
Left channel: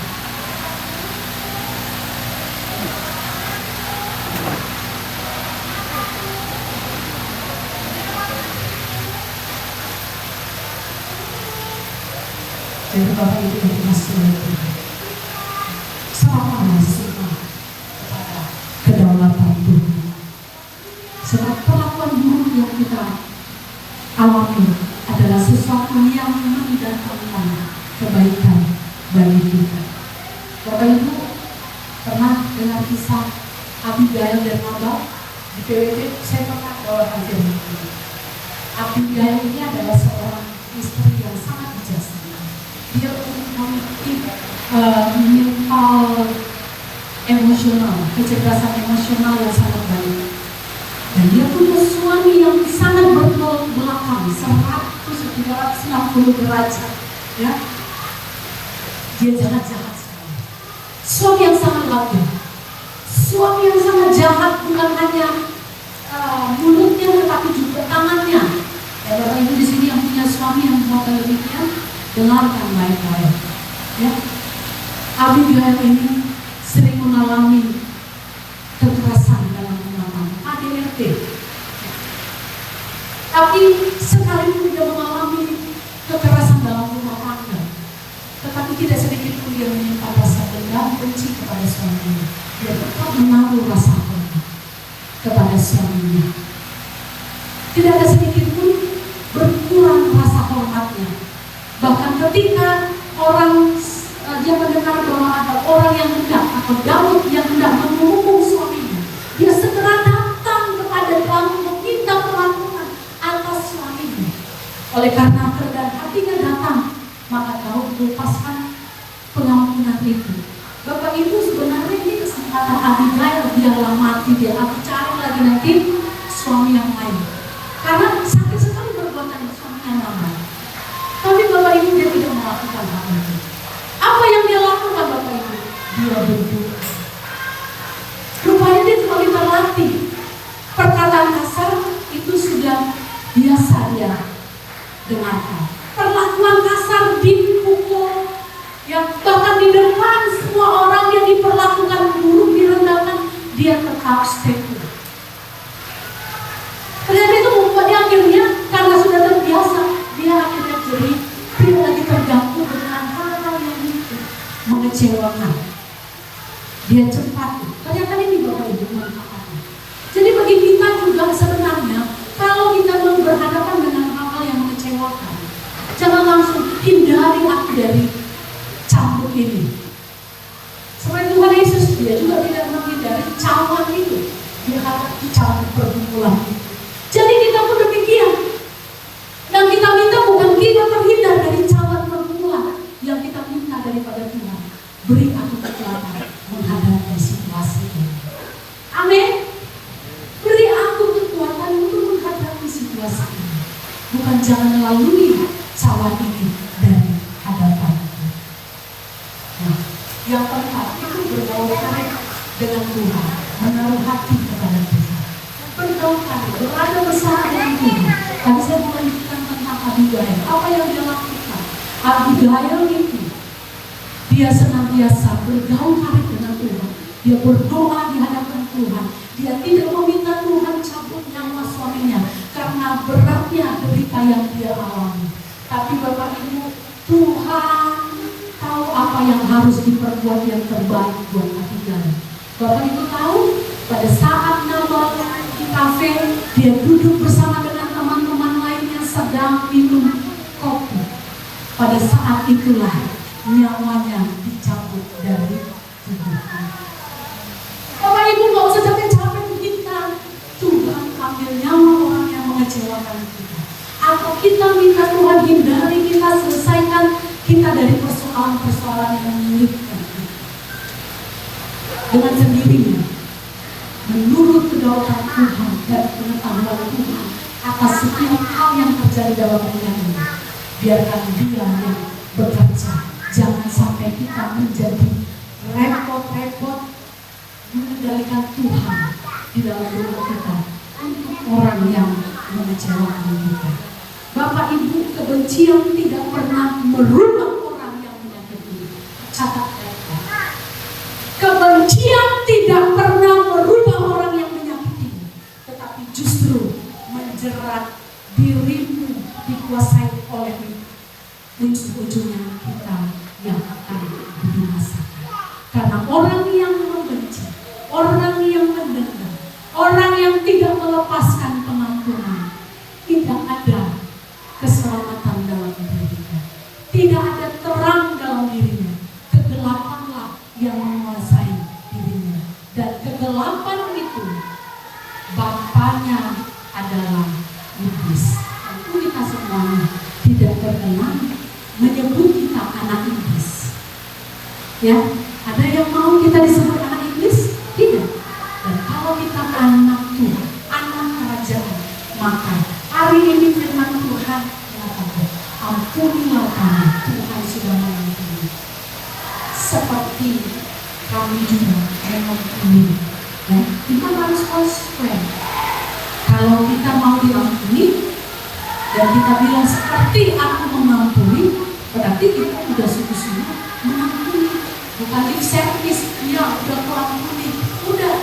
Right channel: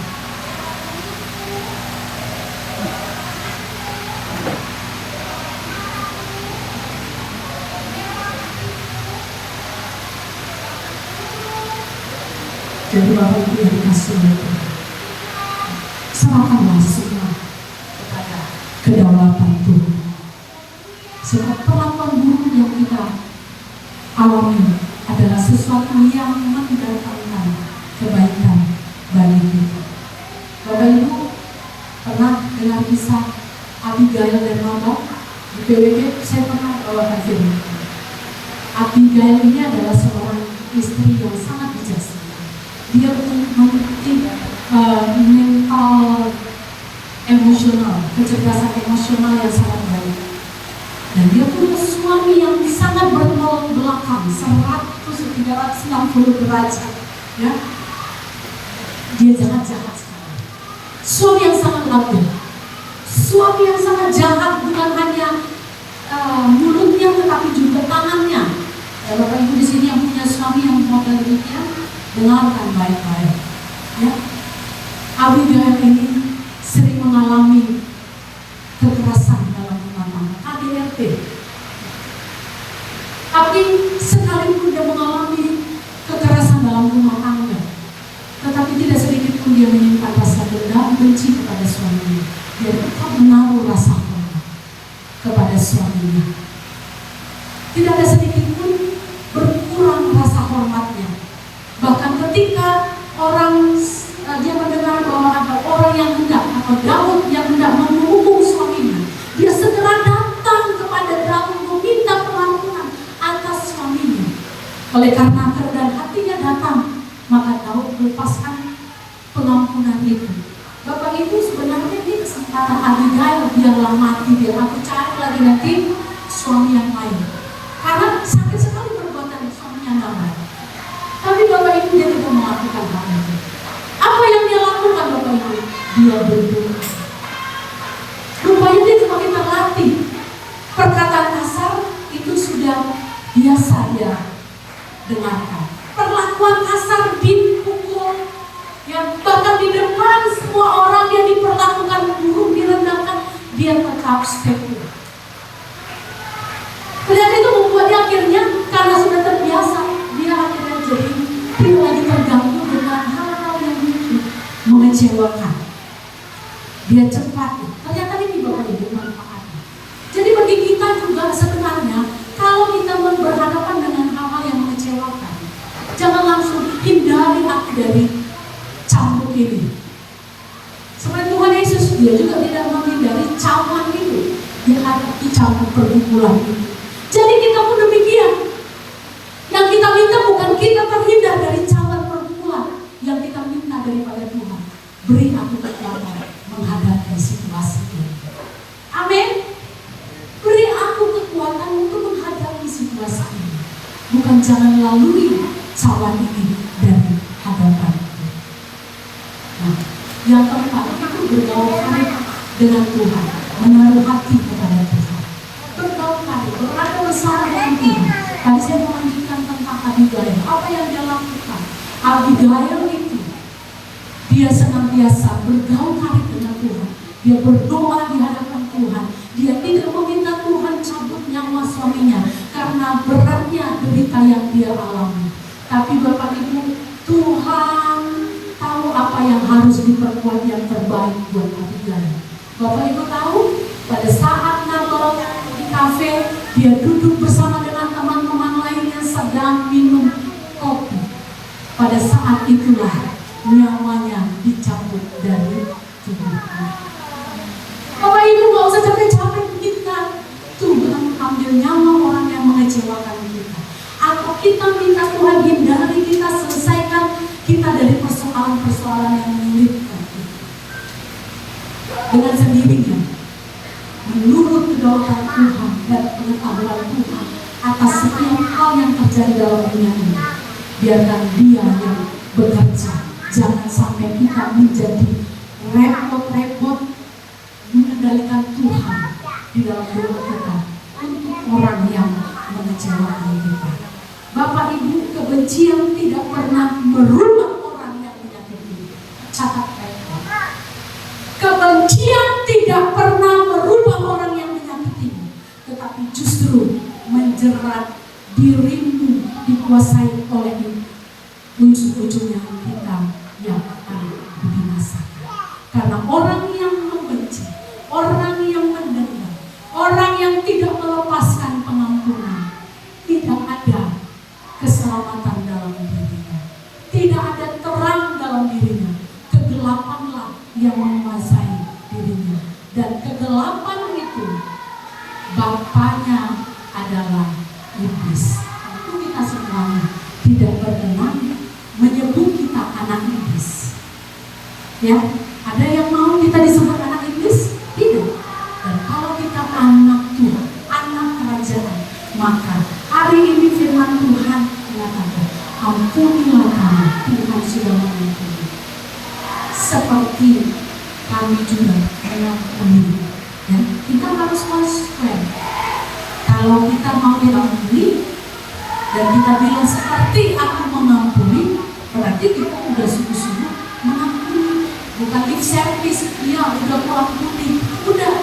Jadi Bapak Ibu yang dikasihi oleh Tuhan, serahkanlah semua kepada kedaulatan Tuhan. Sebab perlakuan buruk yang kita alami adalah sesuatu yang mendatangkan kebaikan bagi kita. Bapak Ibu pernah dengar kisah Abigail dan Nabal di PWP? Saya pernah bawakan firman. Abigail ini adalah seorang istri yang sangat bijaksana. Dia memiliki mental emosional, kecerdasan emosional yang sangat baik. Dan dia punya suami yang sangat bertolak belakang 360 derajat, ya. Dia jahat-jahat sekali. Suami yang sangat lembut, suami yang sangat jahat, bukan hanya mulutnya tetapi juga tangannya. Bapak Ibu di sini yang punya suami yang model demikian, dengarkan baik-baik, ya. Abigail ini sering mengalami kekerasan dalam rumah tangga, KDRT. Tapi sekalipun dia mengalami kekerasan dalam rumah tangga, tetapi tidak sedikit pun dia menyimpan rasa dendam, benci kepada suaminya. Dia tetap menaruh rasa hormat kepada suaminya. Tidak ada sedikit pun berkurang rasa hormatnya. Bahkan ketika orang Oleh karena kerendahan hatinya datang, maka Daud melepaskan pengampunan itu. Bapak Ibu, sebenarnya ini kesempatan Abigail, biarlah mati, biar aku cari lagi nanti suami yang lain. Karena sakit sekali perbuatan suaminya Nabal. Tapi Bapak Ibu, dia tidak melakukan hal itu. Apa yang dia lakukan Bapak Ibu? Dia berdoa. Rupanya dia semakin terlatih. Perkataan kasar itu sudah biasa dia dengarkan. Perlakuan kasar, dipukul, yang bahkan di depan semua orang yang diperlakukan buruk, direndahkan, dia tetap setia. Ternyata itu membuat dia akhirnya, karena sudah terbiasa, dia akhirnya jadi tidak lagi terganggu dengan hal-hal yang mengecewakan. Dia cepat. Ternyata ini Bapak Ibu manfaatnya. Jadi bagi kita juga sebenarnya, kalau kita mau berhadapan dengan hal-hal yang mengecewakan, jangan langsung hindari aku dari cambuk ini. Seperti Tuhan Yesus, dia juga tidak menghindari cawan itu. Dia hadapi cambuk pergumulan itu. Jadi kita pun demikian. Yang kita minta bukan kita terhindar dari cawan pergumulan, yang kita minta daripada Tuhan, beri aku kekuatan menghadapi situasi ini. Amin. Beri aku kekuatan untuk menghadapi situasi ini. Bukan jangan lalui cawan ini dari hadapanku. Nah, yang keempat itu bergaul karib dengan Tuhan, menaruh hati kepada Tuhan. Bergaul karib, berada bersama dengan Tuhan. Tadi saya mau lanjutkan tentang Abigail. Apa yang dia lakukan? Abigail itu dia senantiasa bergaul karib dengan Tuhan. Dia berdoa di hadapan Tuhan. Dia tidak meminta Tuhan cabut nyawa suaminya karena beratnya derita yang dia alami. Tapi Bapak Ibu, Tuhan tahu apa yang harus diperbuat yang terbaik buat Abigail. Bapak Ibu tahu, pada saat Nabal di kafe, dia duduk bersama dengan teman-teman lainnya sedang minum kopi. Pada saat itulah nyawanya dicabut dari tubuhnya. Bapak Ibu gak usah capek-capek minta Tuhan ambil nyawa orang yang mengecewakan kita. Atau kita minta Tuhan hindari, kita selesaikan kita dari persoalan-persoalan yang menyulitkan kita. Dengan sendirinya, menurut kedaulatan Tuhan dan pengetahuan Tuhan atas setiap hal yang terjadi dalam dunia ini, biarkan Dia yang bekerja. Jangan sampai kita menjadi repot-repot mengendalikan Tuhan di dalam rumah kita untuk orang yang mengecewakan kita. Bapak Ibu, kebencian tidak pernah merubah orang yang menyakiti. Catat baik-baik. Kebencian tidak pernah merubah orang yang menyakitimu, tetapi justru menjerat dirimu, dikuasai oleh ujung-ujungnya kita yang akan dibinasakan. Karena orang yang membenci, orang yang mendendam, orang yang tidak melepaskan pengampunan, tidak ada keselamatan dalam dirinya, tidak ada terang dalam dirinya. Kegelapanlah yang menguasai dirinya, dan kegelapan itu bapaknya adalah iblis. Tentu kita semuanya tidak berkenan menyebut kita anak iblis. Ya, ada yang mau kita disebut anak iblis? Tidak. Dan kalau kita anak Tuhan, anak kerajaan, maka hari ini firman Tuhan mengatakan, ampunilah kami, Tuhan sudah mengampuni. Seperti kami juga mengampuni. Ya, kita harus konsekuen. Kalau kita mau diampuni dan kita bilang seperti aku mengampuni, berarti kita sudah sungguh-sungguh mengampuni. Bukan lip service, ya udah mengampuni, udah.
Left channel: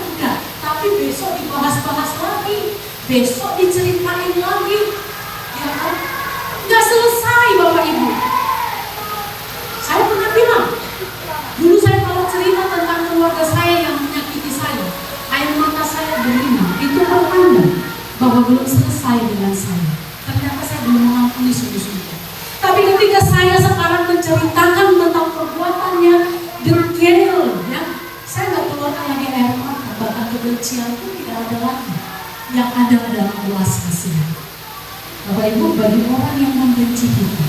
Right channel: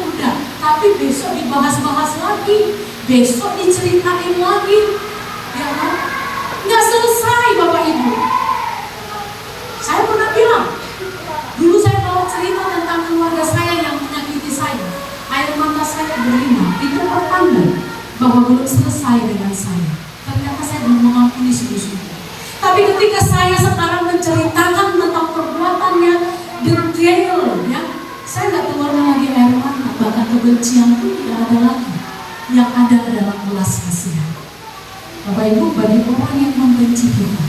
Tapi besok dibahas-bahas lagi, besok diceritain lagi, ya kan? Nggak selesai Bapak Ibu. Saya pernah bilang, dulu saya kalau cerita tentang keluarga saya yang menyakiti saya, air mata saya berlinang, itu pertanda bahwa belum selesai dengan saya. Ternyata saya belum mengampuni sungguh-sungguh. Tapi ketika saya sekarang menceritakan tentang perbuatannya detail, ya, saya nggak keluarkan lagi air mata, bahkan kebencian pun tidak ada lagi. Yang ada adalah belas kasihan. Bapak Ibu, bagi orang yang membenci kita,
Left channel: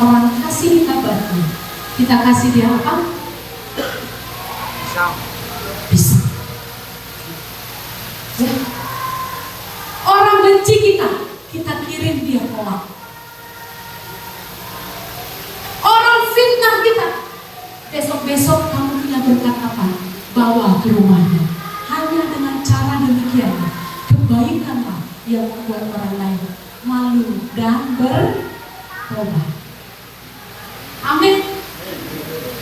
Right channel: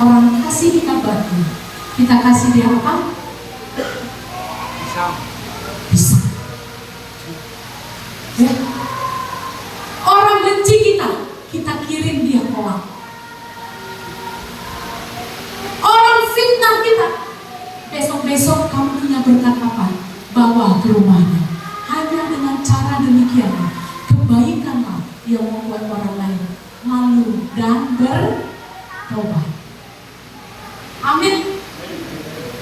orang kasih kita batu, kita kasih dia apa? Bisa. Ya. Orang benci kita, kita kirim dia kolak. Orang fitnah kita, besok-besok kamu punya berkat apa? Bawa ke rumahnya. Hanya dengan cara demikian, kebaikanlah yang membuat orang lain malu dan bertobat. Amin.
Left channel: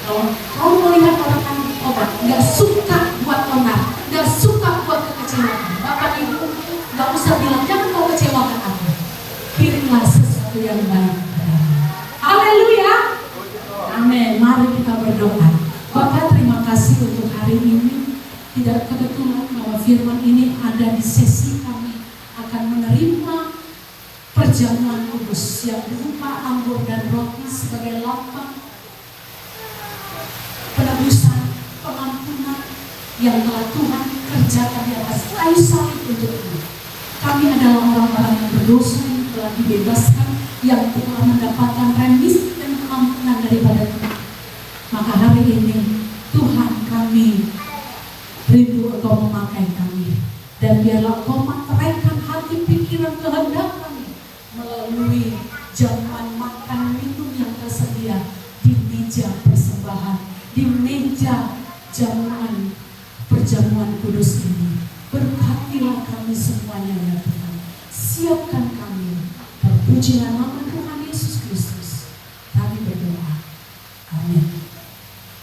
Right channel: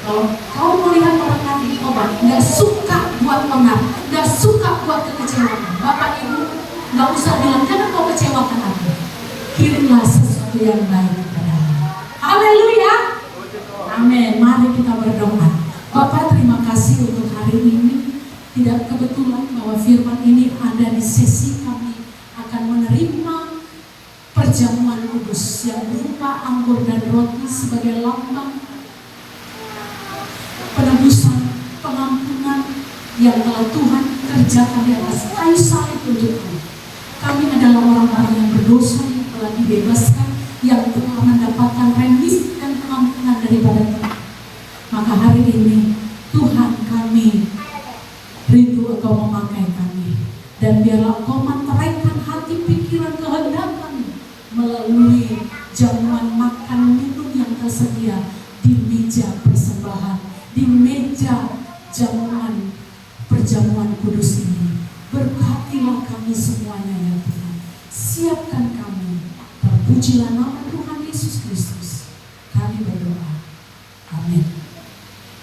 Kalau kau melihat orang lain bertobat, nggak suka buat benar, nggak suka buat kekecewaan, Bapak Ibu nggak usah bilang jangan kau kecewakan aku. Kirimlah sesuatu yang baik kepada Allah. Haleluya. Amin. Mari kita berdoa. Bapak, terima kasih untuk hari ini. Tidak kebetulan bahwa firman ini ada di sesi kami akan menerima perjamuan kudus yang berupa anggur dan roti sebagai lambang penebusan, pengampunan yang telah Tuhan kerjakan di atas kayu salib untuk kami. Kami adalah orang-orang yang berdosa yang telah dibebaskan, yang telah mendapatkan remisi dan pengampunan daripada Tuhan. Maka hari ini Tuhan, kami rindu Engkau memakai kami, dan biarlah Engkau menteraikan hati, pikiran, kehendak kami melalui jamuan makan minum yang tersedia di meja persembahan, di meja jamuan perjamuan kudus ini. Berkatilah kami semuanya ya Tuhan. Siapkan kami. Terpujilah nama Tuhan Yesus Kristus. Kami berdoa. Amin.